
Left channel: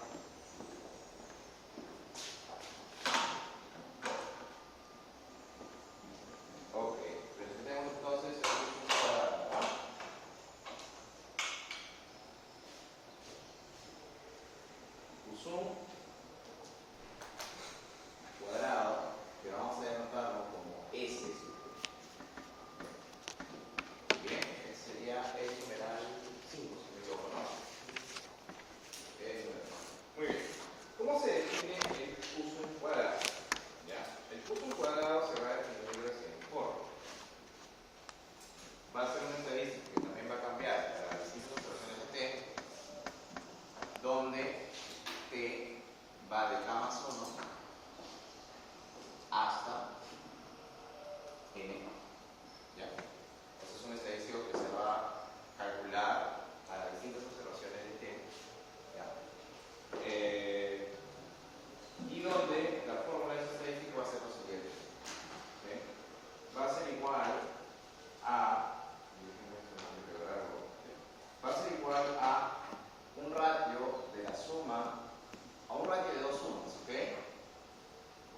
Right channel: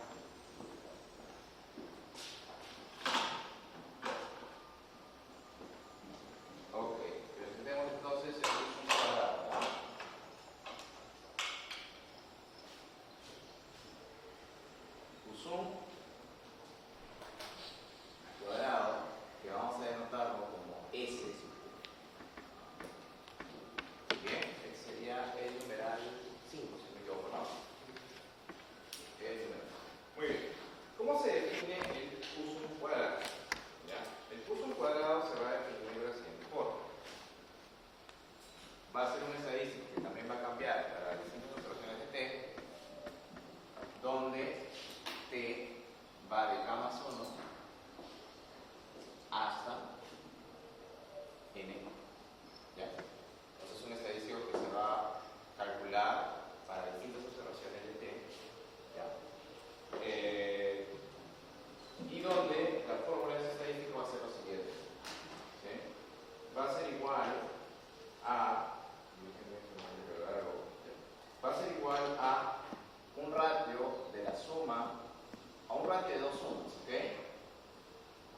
Ok, presentemos entonces el Poisson cuadrado. Poisson cuadrado, que vamos a denotarlo como S. Bien, que sería el numeral 5, si no me equivoco, ¿no? Muy bien. ¿Cómo se define el Poisson cuadrado? ¿Ya? El Poisson cuadrado se va a definir de la siguiente forma. Va a ser un estadístico que también va a cambiar para las distintas operaciones de T, donde T va de K más 1 hasta N. ¿Ya? Entonces es un estadístico que se va a calcular para distintas observaciones de T. ¿Ya? Y donde la fórmula de ese estadístico va a ser la siguiente. ¿Sí? Va a ser igual a, va a ser igual a un ratio de la suma, a un ratio de dos sumas, ¿ok?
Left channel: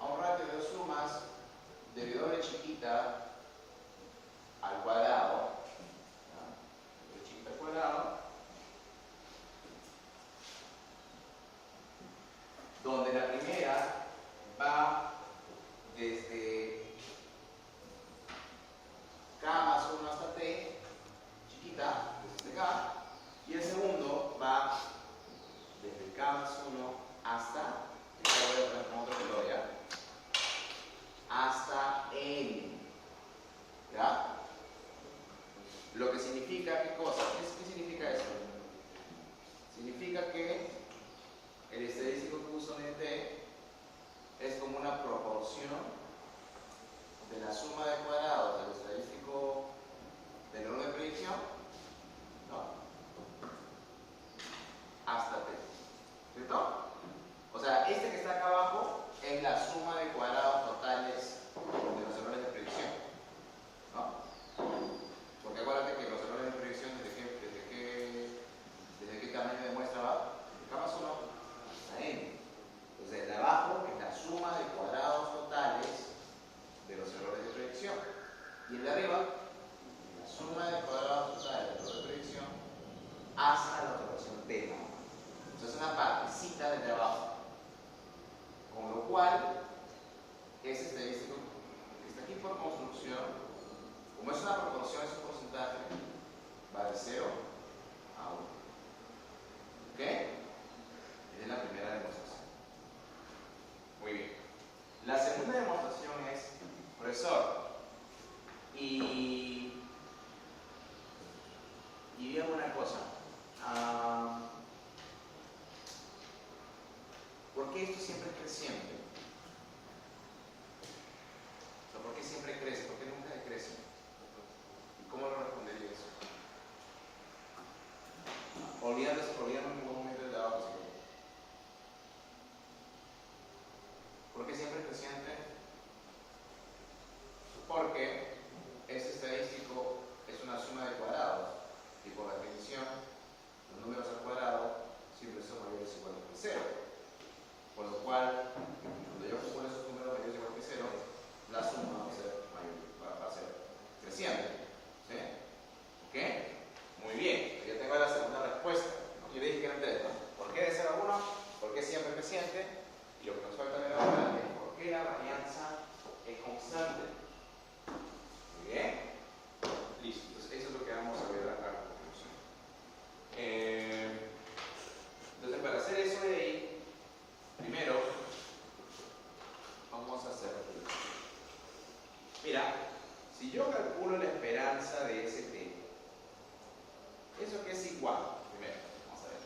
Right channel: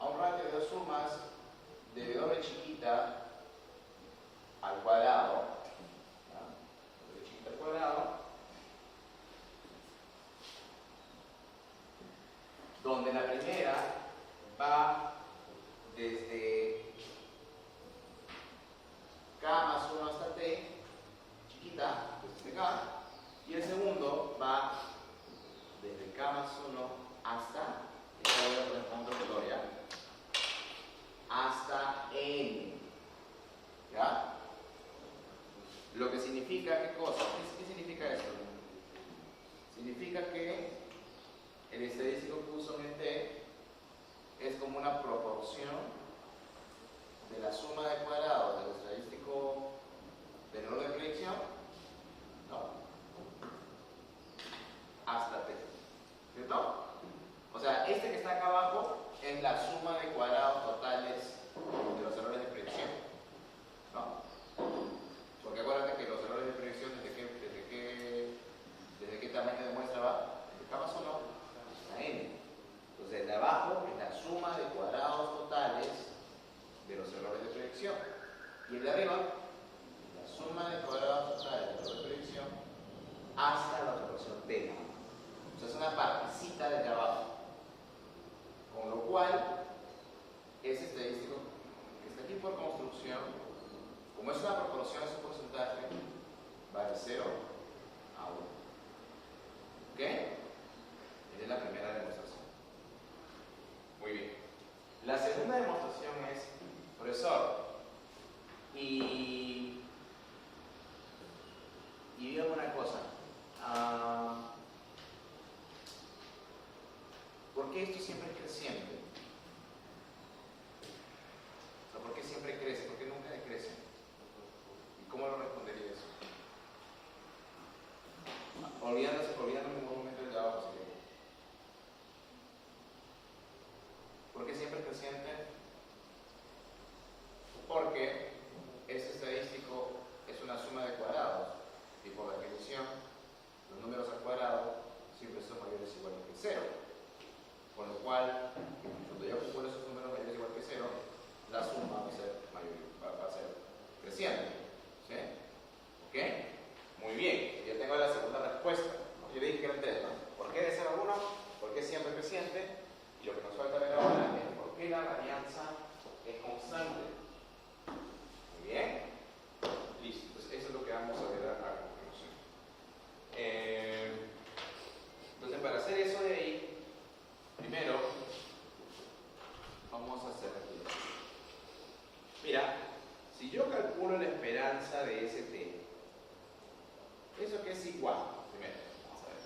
A un ratio de dos sumas de W chiquita al cuadrado, ¿ya? W chiquita al cuadrado, donde la primera va desde K más 1 hasta T, chiquita, desde K, y el segundo va desde K más 1 hasta, ya lo voy a poner con otro color, ¿ya? Hasta N, ¿ya? Lo que significa, ¿qué cosa? ¿Qué significa esto? Significa que el estadístico Poisson en T es como una proporción de la suma de cuadrados del estadístico del error de predicción, ¿no? Hasta T, ¿cierto? O sea, este que está acá abajo es la suma de cuadrados totales de los errores de predicción, ¿no? Porque acuérdate que los errores de predicción, ¿desde qué tamaño de muestra va? De K más 1 a N. Entonces, el de abajo es la suma de cuadrados totales de los errores de predicción. Y el de arriba, la suma de cuadrados totales de los errores de predicción hasta la observación T. O sea, es una partecita del de abajo. Con lo cual, ese estadístico que está aquí por construcción, como es una proporción, es un porcentaje, va de 0 a 1. ¿Ok? Esa es la primera demostración. Muy bien. La segunda demostración es, profesor, y dígame una cosa. ¿Por qué esto siempre es creciente? O sea, ¿por qué siempre crece? ¿Por qué nunca decrece? ¿Y cómo lo respondería eso? esperanza de ST. Eso que es igual, primero, vamos a ver.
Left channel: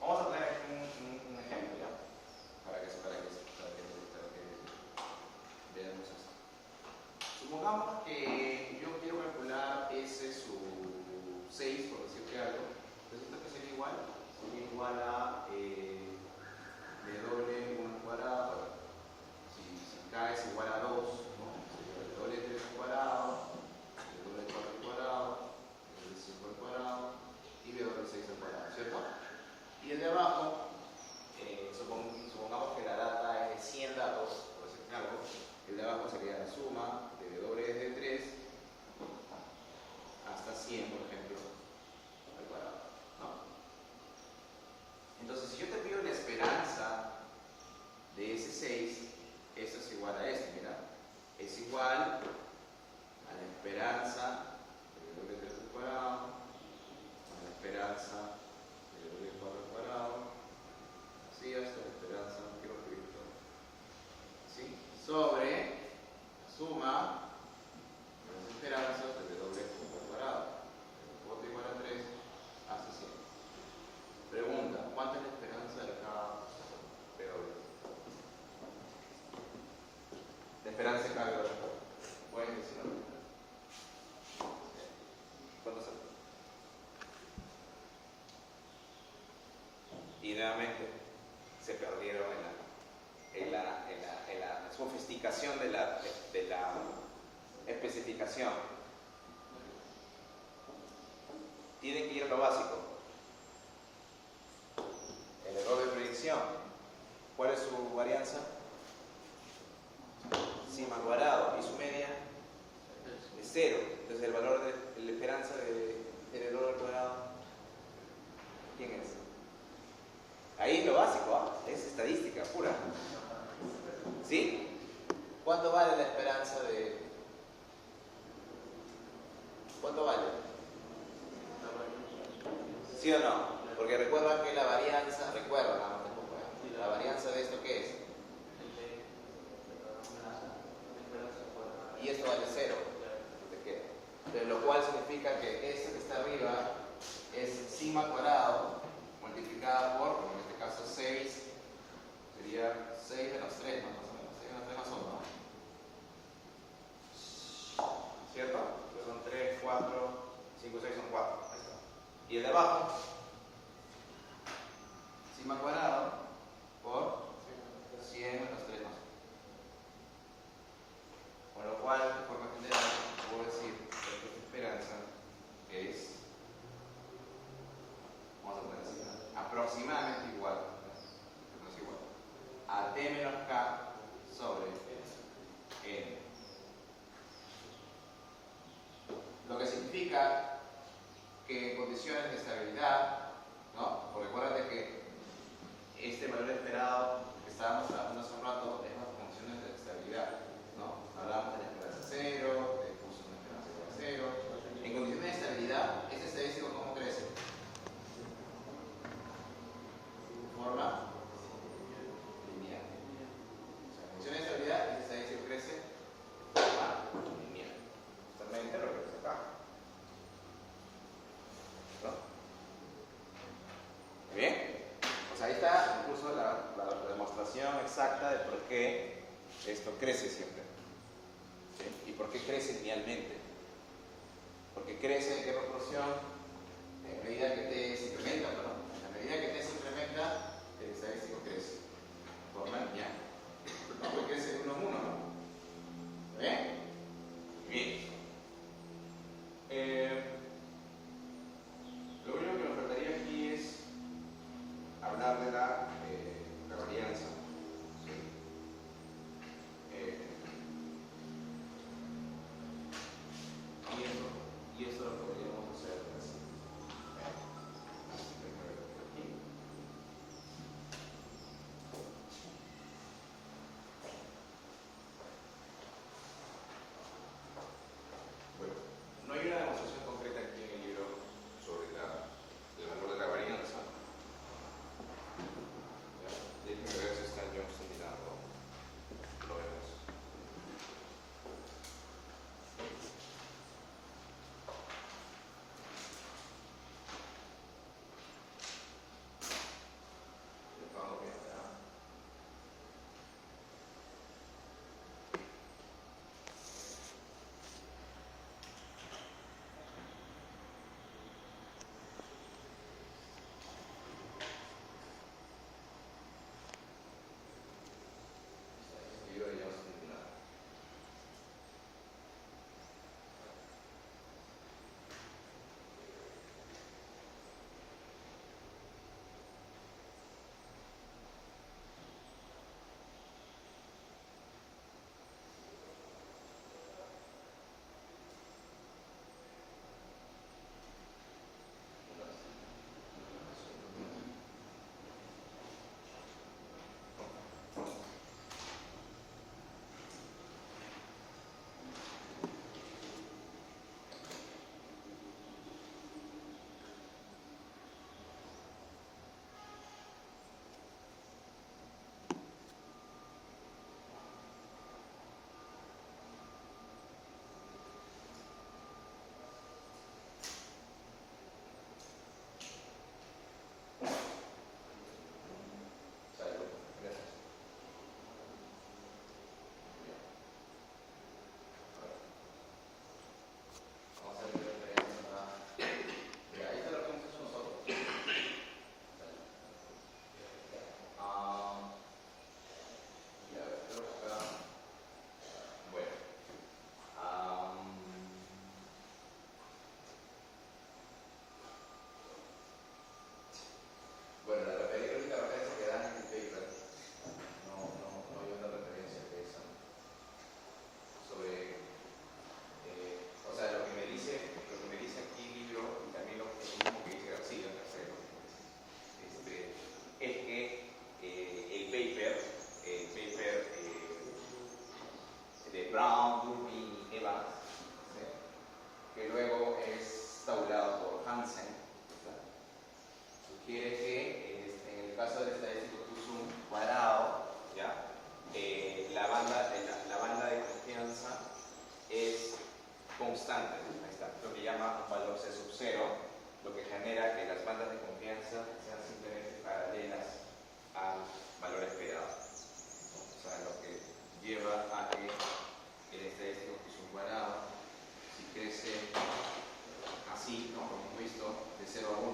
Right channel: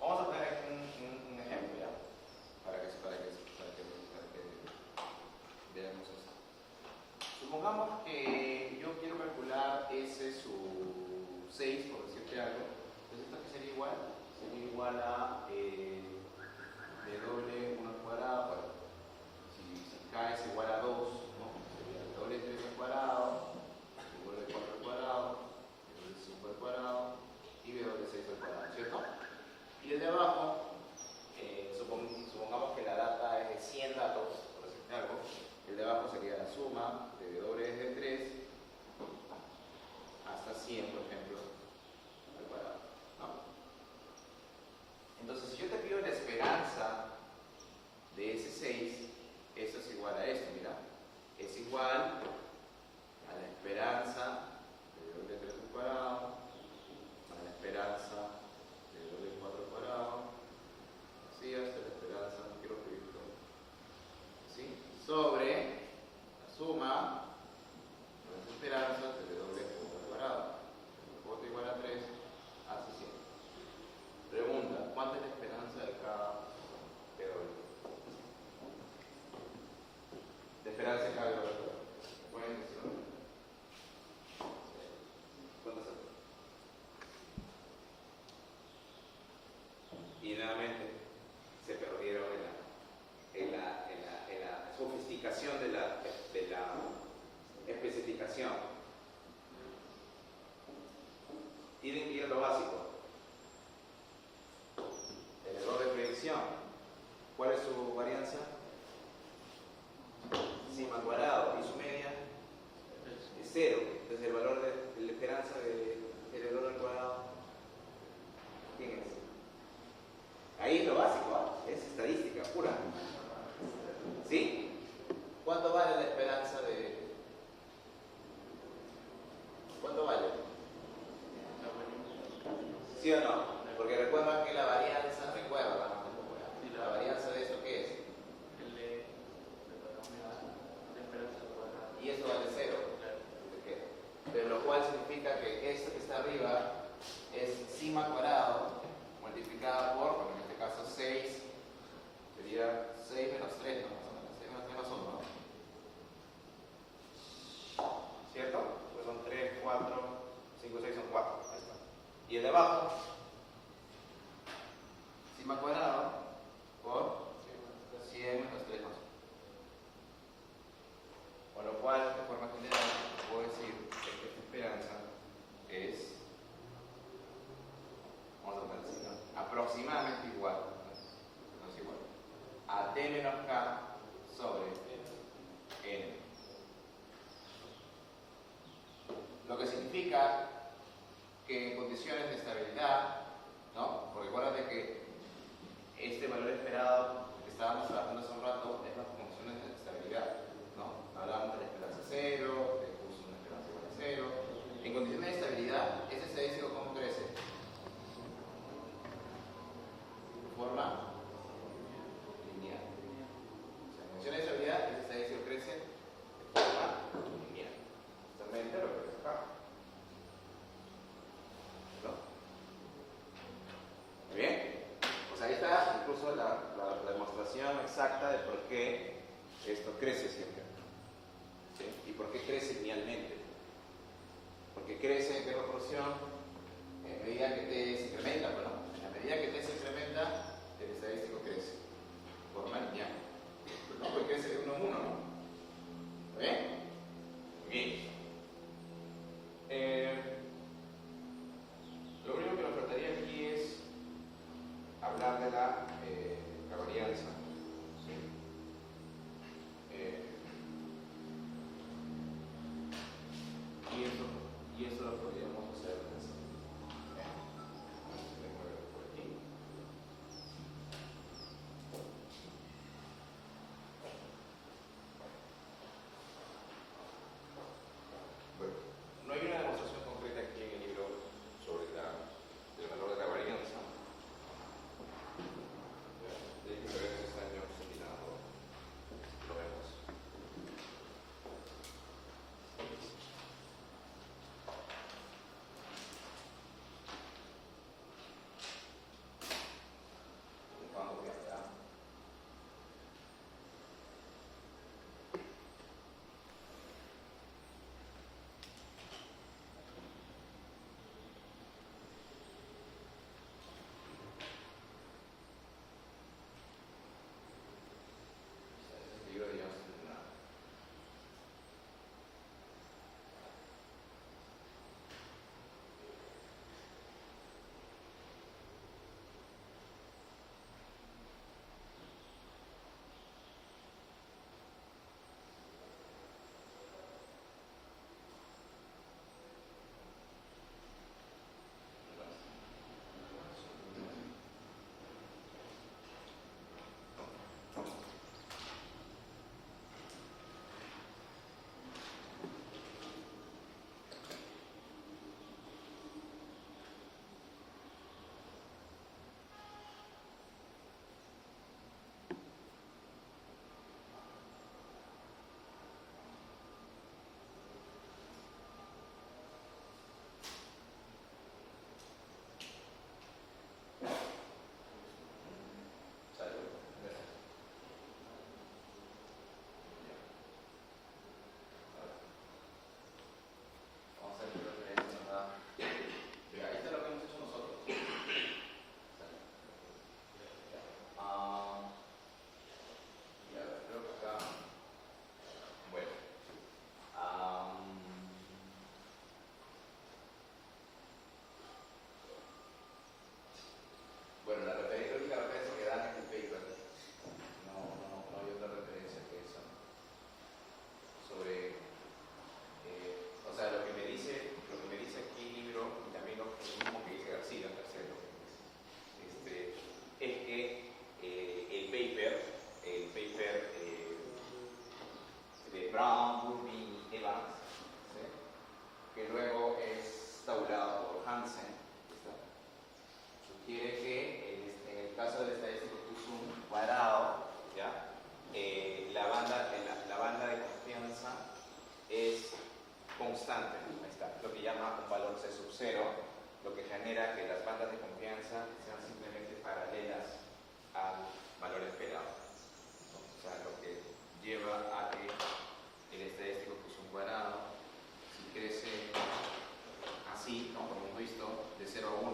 Vamos a poner aquí un ejemplo, ¿ya? Para que veamos esto. Supongamos que yo quiero calcular S su 6, por decirte algo. Resulta que sería igual a W1 al cuadrado. Bueno, si K es igual a 2, ¿no? Sería W3 al cuadrado, W4 al cuadrado, W5 al cuadrado y W6 al cuadrado, ¿cierto? Y el de abajo, supongamos que la data es de 100 datos, por decirte algo. El de abajo sería la suma de W desde 3 hasta 100, por ejemplo, al cuadrado, ¿no? Entonces, si yo te pido la esperanza de ese 6, esto es igual a esto, mira. Es igual a la esperanza de W3 al cuadrado, a la esperanza de W4 al cuadrado, así hasta la esperanza, no quiero escribirlo, ¿sí? Sobre la suma de las esperanzas de W al cuadrado. W igual a 3 hasta 100. Pregunta, ¿cuánta es la esperanza de cada W? La esperanza de cada W. ¿Pueden decirlo? ¿Cuánto es? Y nuevamente se perdieron en la sofisticación de la especificación. Tienen que ir a lo básico. El error de predicción. ¿Cuál es su varianza? Sigma al cuadrado. ¿Y su media? Es 0. Entonces el valor de la esperanza del error al cuadrado, ¿quién es? Ahí es lo básico, ¿eh? Es estadística pura. ¿Sí? ¿Cuánto vale la esperanza de...? ¿Cuánto vale? ¿Sí o no? Porque recuerda que la varianza, la varianza de esto, ¿qué es? Y esto vale 0. Pero lo cual significa que esto que está arriba es sigma cuadrado multiplicada por, bueno, en este caso 6, sería 6 menos 3, ¿no? Más o menos, 6 menos 3 más 1, ¿no? ¿Cierto? Pues son 3, 4, 5, 6 son 4. Ahí está. Y el de abajo, sigma cuadrado por 100 menos 3 más 1. Con lo cual, de forma general, puedo decir que esta esperanza es, vamos a poner así, ¿no? Aproximadamente igual, no es igual, a D menos K sobre N. Lo que significa que en condiciones de estabilidad, ¿no? Porque recuerden que este valor esperado que estábamos trabajando hace un rato es las condiciones de estabilidad, ¿no? Hablábamos de la esperanza 0, puso una esperanza igual a 0. En condiciones de estabilidad, ese estadístico ¿cómo crece? De forma lineal. O sea, en condiciones de estabilidad, ese estadístico crece de forma lineal. Justamente lo que es acá. ¿No? ¿Bien? Pues ahí está incluso la demostración exacta de por qué esto crece siempre. ¿Sí? ¿Y por qué crece linealmente? Porque crece en qué proporción, en medida que T se incrementa, bueno, en la medida que T se incrementa, el estadístico crece de forma lineal. No, pues crece de 1 a 1, ¿no? ¿Está bien? Bien. Lo único que me faltaría aquí es hablar de la varianza. ¿Sí? Y eso lo podríamos hacer así. Bueno, no hay una demostración concreta aquí en el libro sobre el valor de la varianza. Déjenme ver si está en Johnson mirando. Lo vemos. elaborado por Hansen, ¿está? Sugiere que en el caso del estadístico Q-sum cuadrado, ¿ya? La banda de confianza es constante, ahí está, lo que llama un valor C sub 0, lo que genera que las bandas de confianza sean simplemente paralelas al valor esperado. O sea, lo que lleva a que el estadístico Q-sum cuadrado, si crece así, ¿no? Como hemos visto, de 0 a 1,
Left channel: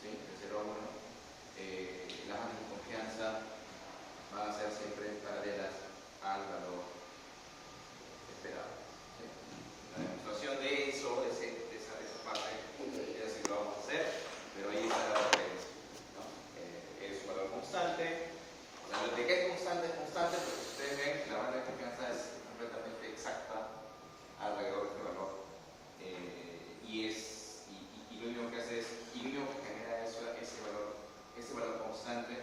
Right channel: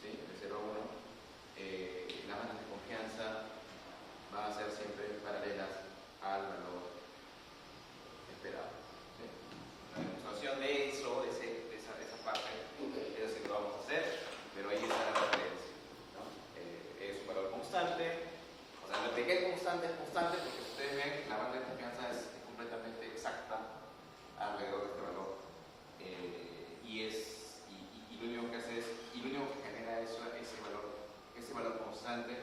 ¿sí? De 0 a 1, las bandas de confianza van a ser siempre paralelas al valor esperado. ¿Sí? La demostración de eso, de esa parte, es así que lo vamos a hacer, pero ahí está la referencia, ¿no? Es un valor constante. O sea, lo que es constante, porque ustedes ven, la banda de confianza es completamente exacta alrededor de este valor. Y lo único que hace es, y lo único que genera ese valor constante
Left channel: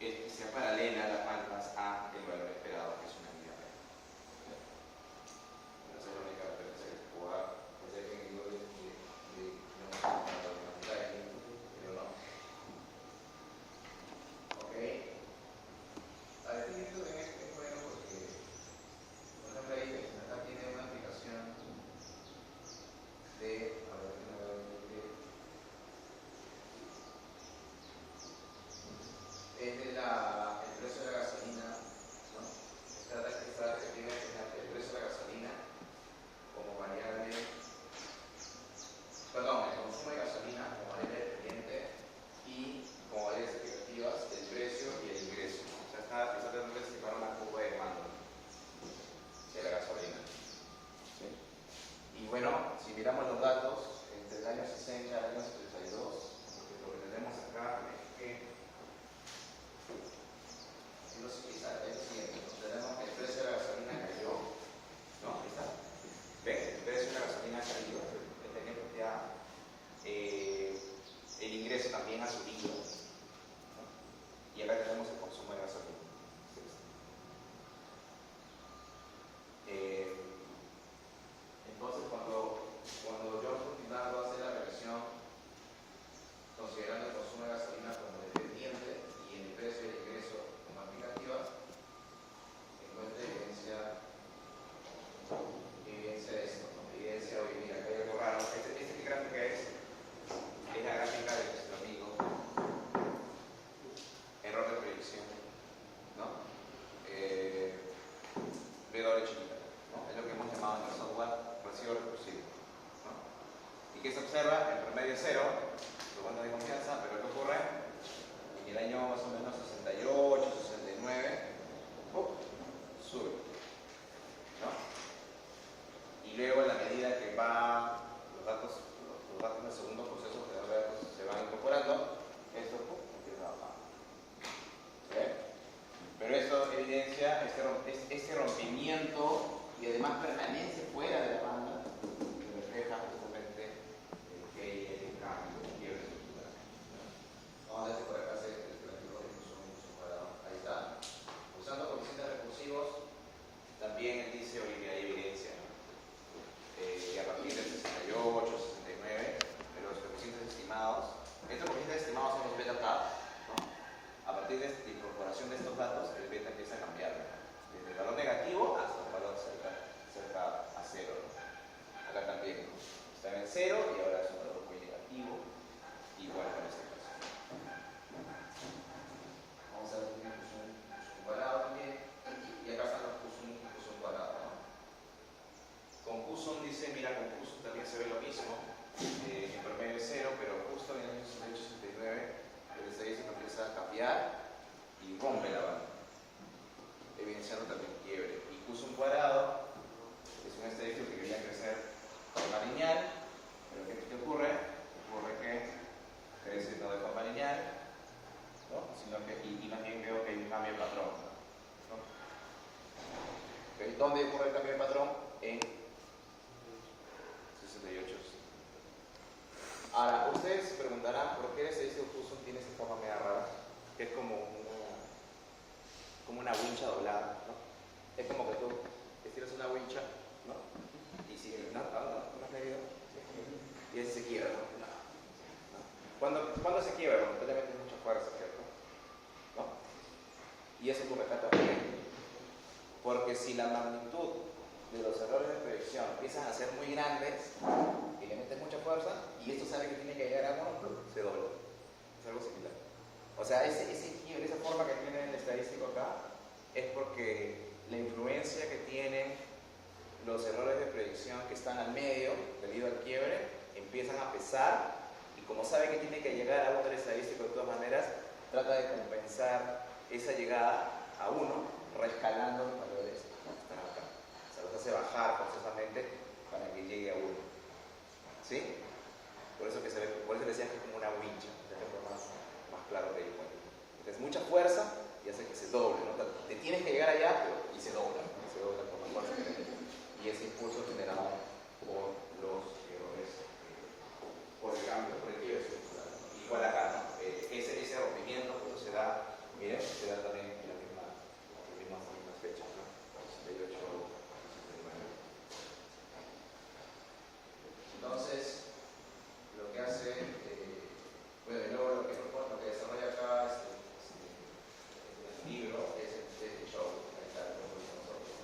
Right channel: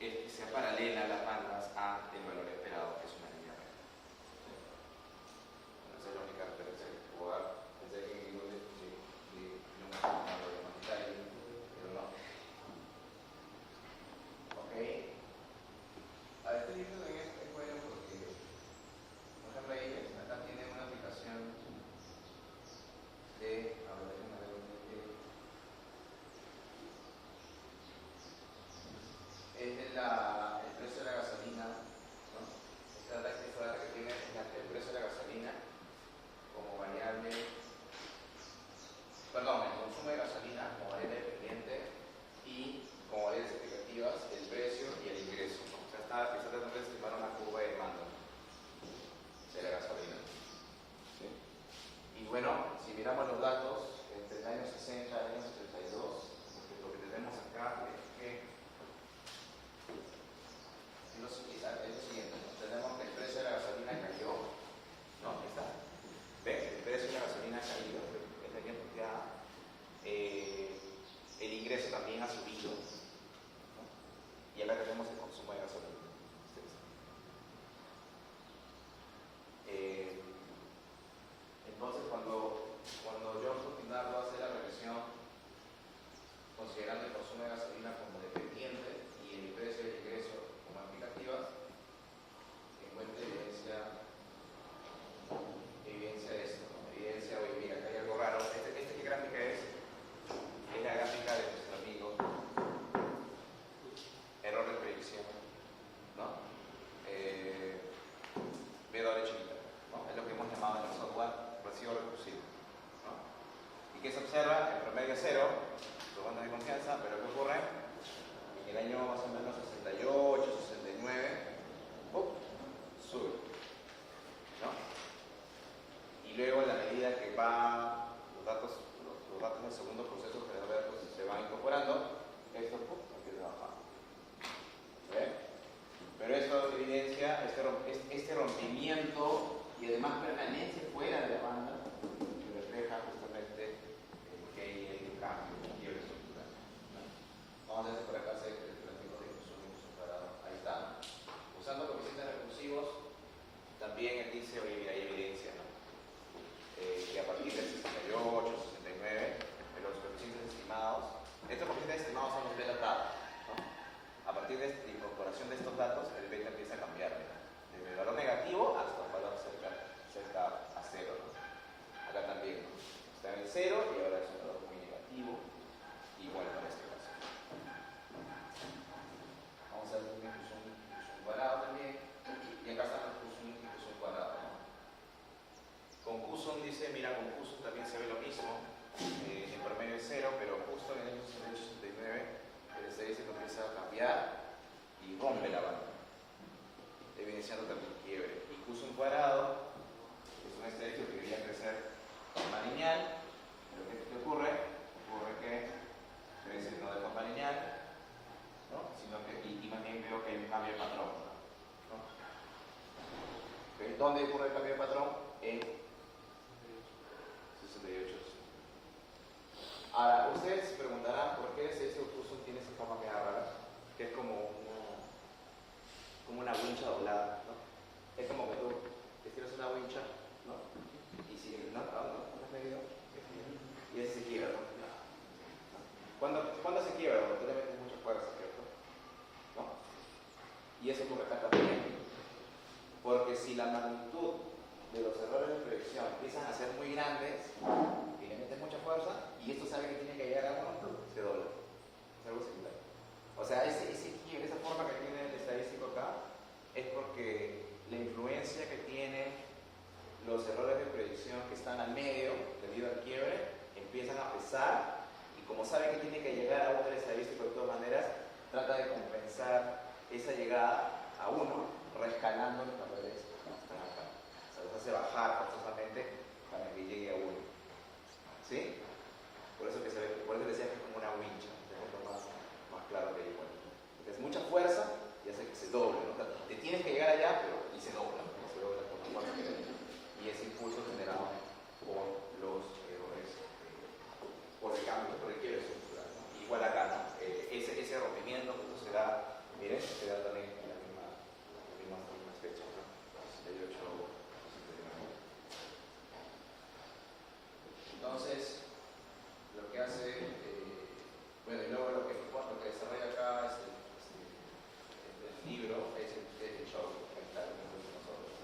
es que sea paralela las bandas a el valor esperado, que es una línea recta. Esa es la única referencia que puedo dar. Pensé que en el libro de no sé, pero no. Ok. A ver, estoy viendo en este juego porque, por ejemplo, ahí acá tiene una aplicación de, a ver, es de el precio de la gasolina, ¿no? Esta que tiene el precio de la gasolina como variable, perdón, el consumo de gasolina como variable dependiente y como variables explicativas el precio y el ingreso, ¿no? O sea, está tratando de estimar una curva de demanda de la gasolina. ¿Sí? Y bueno, si miramos los datos, entre el año 60 al año 72, lo que tenemos acá es que es lo siguiente, tenemos que el precio de la gasolina cayó, ¿no? Ahí está. ¿Ven? El precio de la gasolina ha caído, el ingreso también ha subido, ¿no? Y acá tenemos el consumo de gasolina. Entonces, cuando yo al final voy a hacer la revisión, considerando el consumo de gasolina como dependiente y el precio y el ingreso como aplicativas, encuentro evidencia de esto, ¿no? Evidencia de, mira, que hay algo raro. ¿Qué gráfica es? Es la gráfica de nuestro amigo error de predicción, ¿no? W chiquita, ¿no? Es lo que hemos llamado en el software residuo recursivo, ¿no? ¿Y qué se observa? El promedio es 0, su banda de confianza, pero ¿qué ocurre? En el año más o menos 68, 69, sube, ¿no? Y luego, en la medida que los datos del segundo proceso generador de datos se van incorporando, esto empieza a bajar. ¿Sí? Pero eso evidencia este rompimiento y además permanece fuera de la banda, que refleja justamente que hay un cambio, un quiebre estructural. Vamos a hacer por acá el gráfico de consumo cuadrado. Ahí está. Usando coeficientes recursivos, también él dice, oye, hay evidencia, ¿no? Que a partir del 68, 69, en los coeficientes estimados, estos coeficientes estimados son los beta tabs, ¿no? A partir de la incorporación de estos datos, el beta empieza a cambiar, ¿no? Desde el valor negativo hasta un valor cerca a 0, ¿no? Acá también, ¿no? Está en el 0 y ahora es un valor muy negativo, igual para este caso. Vamos a hacer un cuadrado también, y acá está el Q cuadrado, ¿no? Con Q-sum dice, mira, con Q-sum también se ve lo mismo, en promedio es 0, pero justo en el año 69 el estadístico empieza a cambiar y rompe la banda, evidenciando también quiebre. Y Q-sum cuadrado es un estadístico que debería crecer de forma lineal, pero ¿qué ocurre? Ocurre que crece no de forma lineal, ¿no? Sino que y más bien veo que hay un cambio de patrón, ¿no? ¿Dónde ocurre el cambio de patrón? En 68. Ahora, ustedes se preguntarán por qué el estadístico Q-sum tiene esa forma media rara, que es como una wincha doblada, ¿no? Es como que tú estiras una wincha, ¿no? Y sigue el no, medio, y ese se quiebra. que si la magnitud de los errores de proyección empiezan a ser muy grandes y que meten mucha fuerza, y esto sabe que tiene que llegar a 1, se dobla. Es algo similar. O sea, esa forma que tiene el estadístico acá es porque la influencia que tienen los errores de predicción que están al medio, debido al quiebre, empiezan a pesar, y como sabe que tiene que llegar a 1 el estadístico de todas maneras, trata de compensar esa llegada a 1, rescalando los valores que están acá. O sea, los hace bajar forzosamente para que llegue a 1. ¿Sí? Por eso decía que es como una wincha, de ejemplo más claro que igual. Entonces, mucha fuerza y hace que se doble, ¿no? Te tienes que llegar allá, pero y se dobla por la fuerza que hay. Y ese impulso generado por los errores, por el cambio, por el quiebre estructural. Igual acá, ¿no? Ese rompimiento se da, miren, se da también en las mismas fechas, ¿no? 68, 69. Entonces, lo que hace, bueno, y luego lo que desarrolla acá es el libro, es el show, que está nosotros.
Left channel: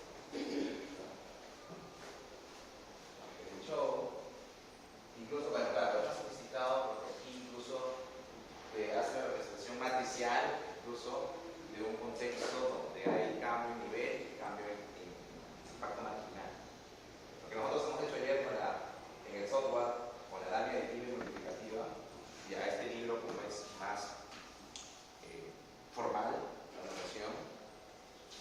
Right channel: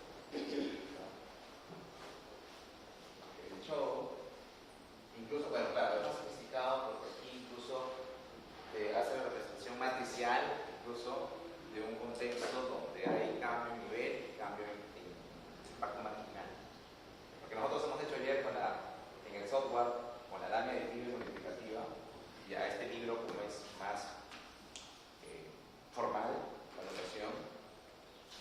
El show, incluso, bueno, claro, está sofisticado porque aquí incluso hace una representación matricial, incluso de un contexto donde hay cambio en nivel, cambio en impacto marginal. Porque nosotros hemos hecho ayer en el software, con la lámina de equilibrio multiplicativa, y a este libro, como es más formal, la notación,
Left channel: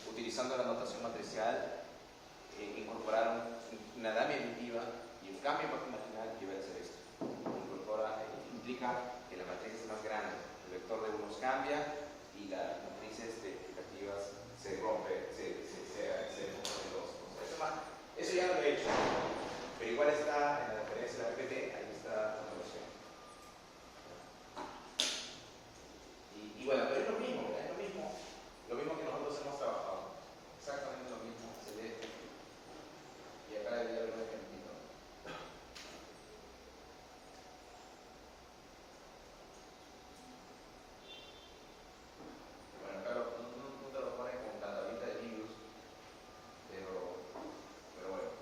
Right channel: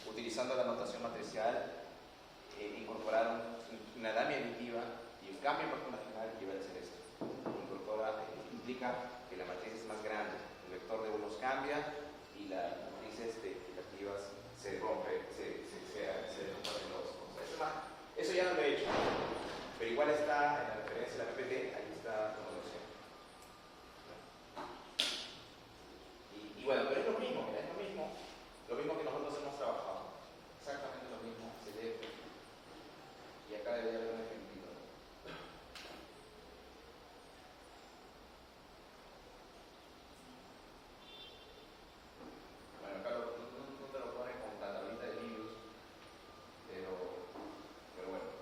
utilizando la notación matricial, incorporaron una lámina aditiva y un cambio en impacto marginal que iba a ser esto. Implica que la matriz es más grande, el vector de unos cambia y las matrices explicativas se rompen en dos. Eso ya no lo he hecho, pero igual está en la referencia de la PPT, ahí está la versión. Y bueno, pero es lo mismo que nosotros hemos trabajado, exactamente lo mismo, se lee, y acá debería haber un ejemplo. Bueno, acá no te lo pone con la tablita de virus, pero bueno.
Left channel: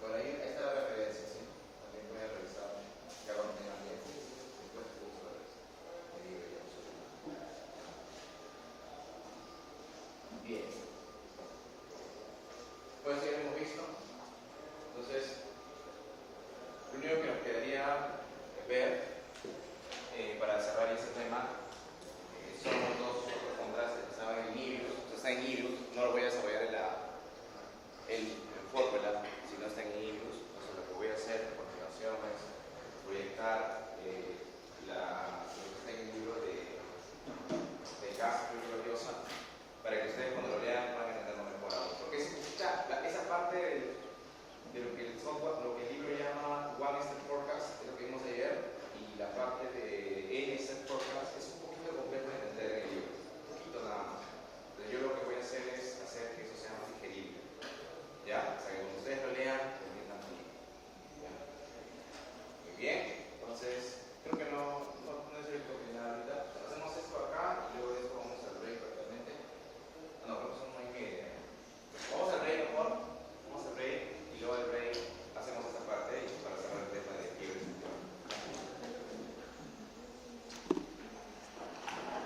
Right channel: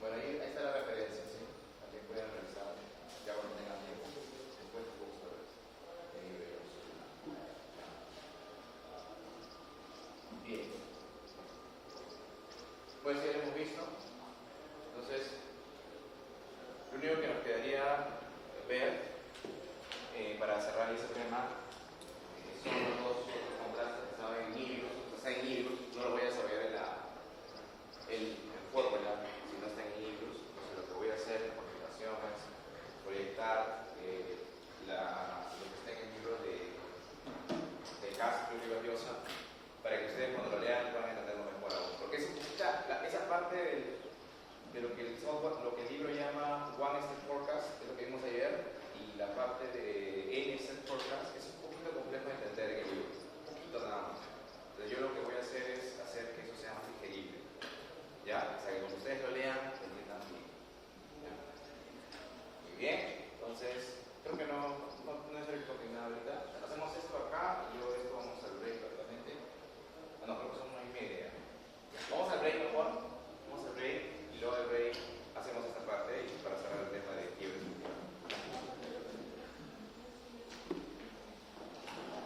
Bueno, ahí está la referencia, ¿sí? También pueden revisar, ya cuando tengan tiempo, después de uso de libre uso. Bien. Pues ya lo hemos visto. Entonces, lo único que nos quedaría ver para cerrar este tema son los dos otros contrastes que estaban en libros. Está en libros, no lo voy a desarrollar en fórmula, si no está en libros. Entonces, lo que voy a hacer a continuación es proyectar lo que está en el libro de Castro y Gloriosa, para que ustedes cuando lo lean puedan entenderlo mejor aún. Porque esa parte de lo que el software, lo que el libro llama One Step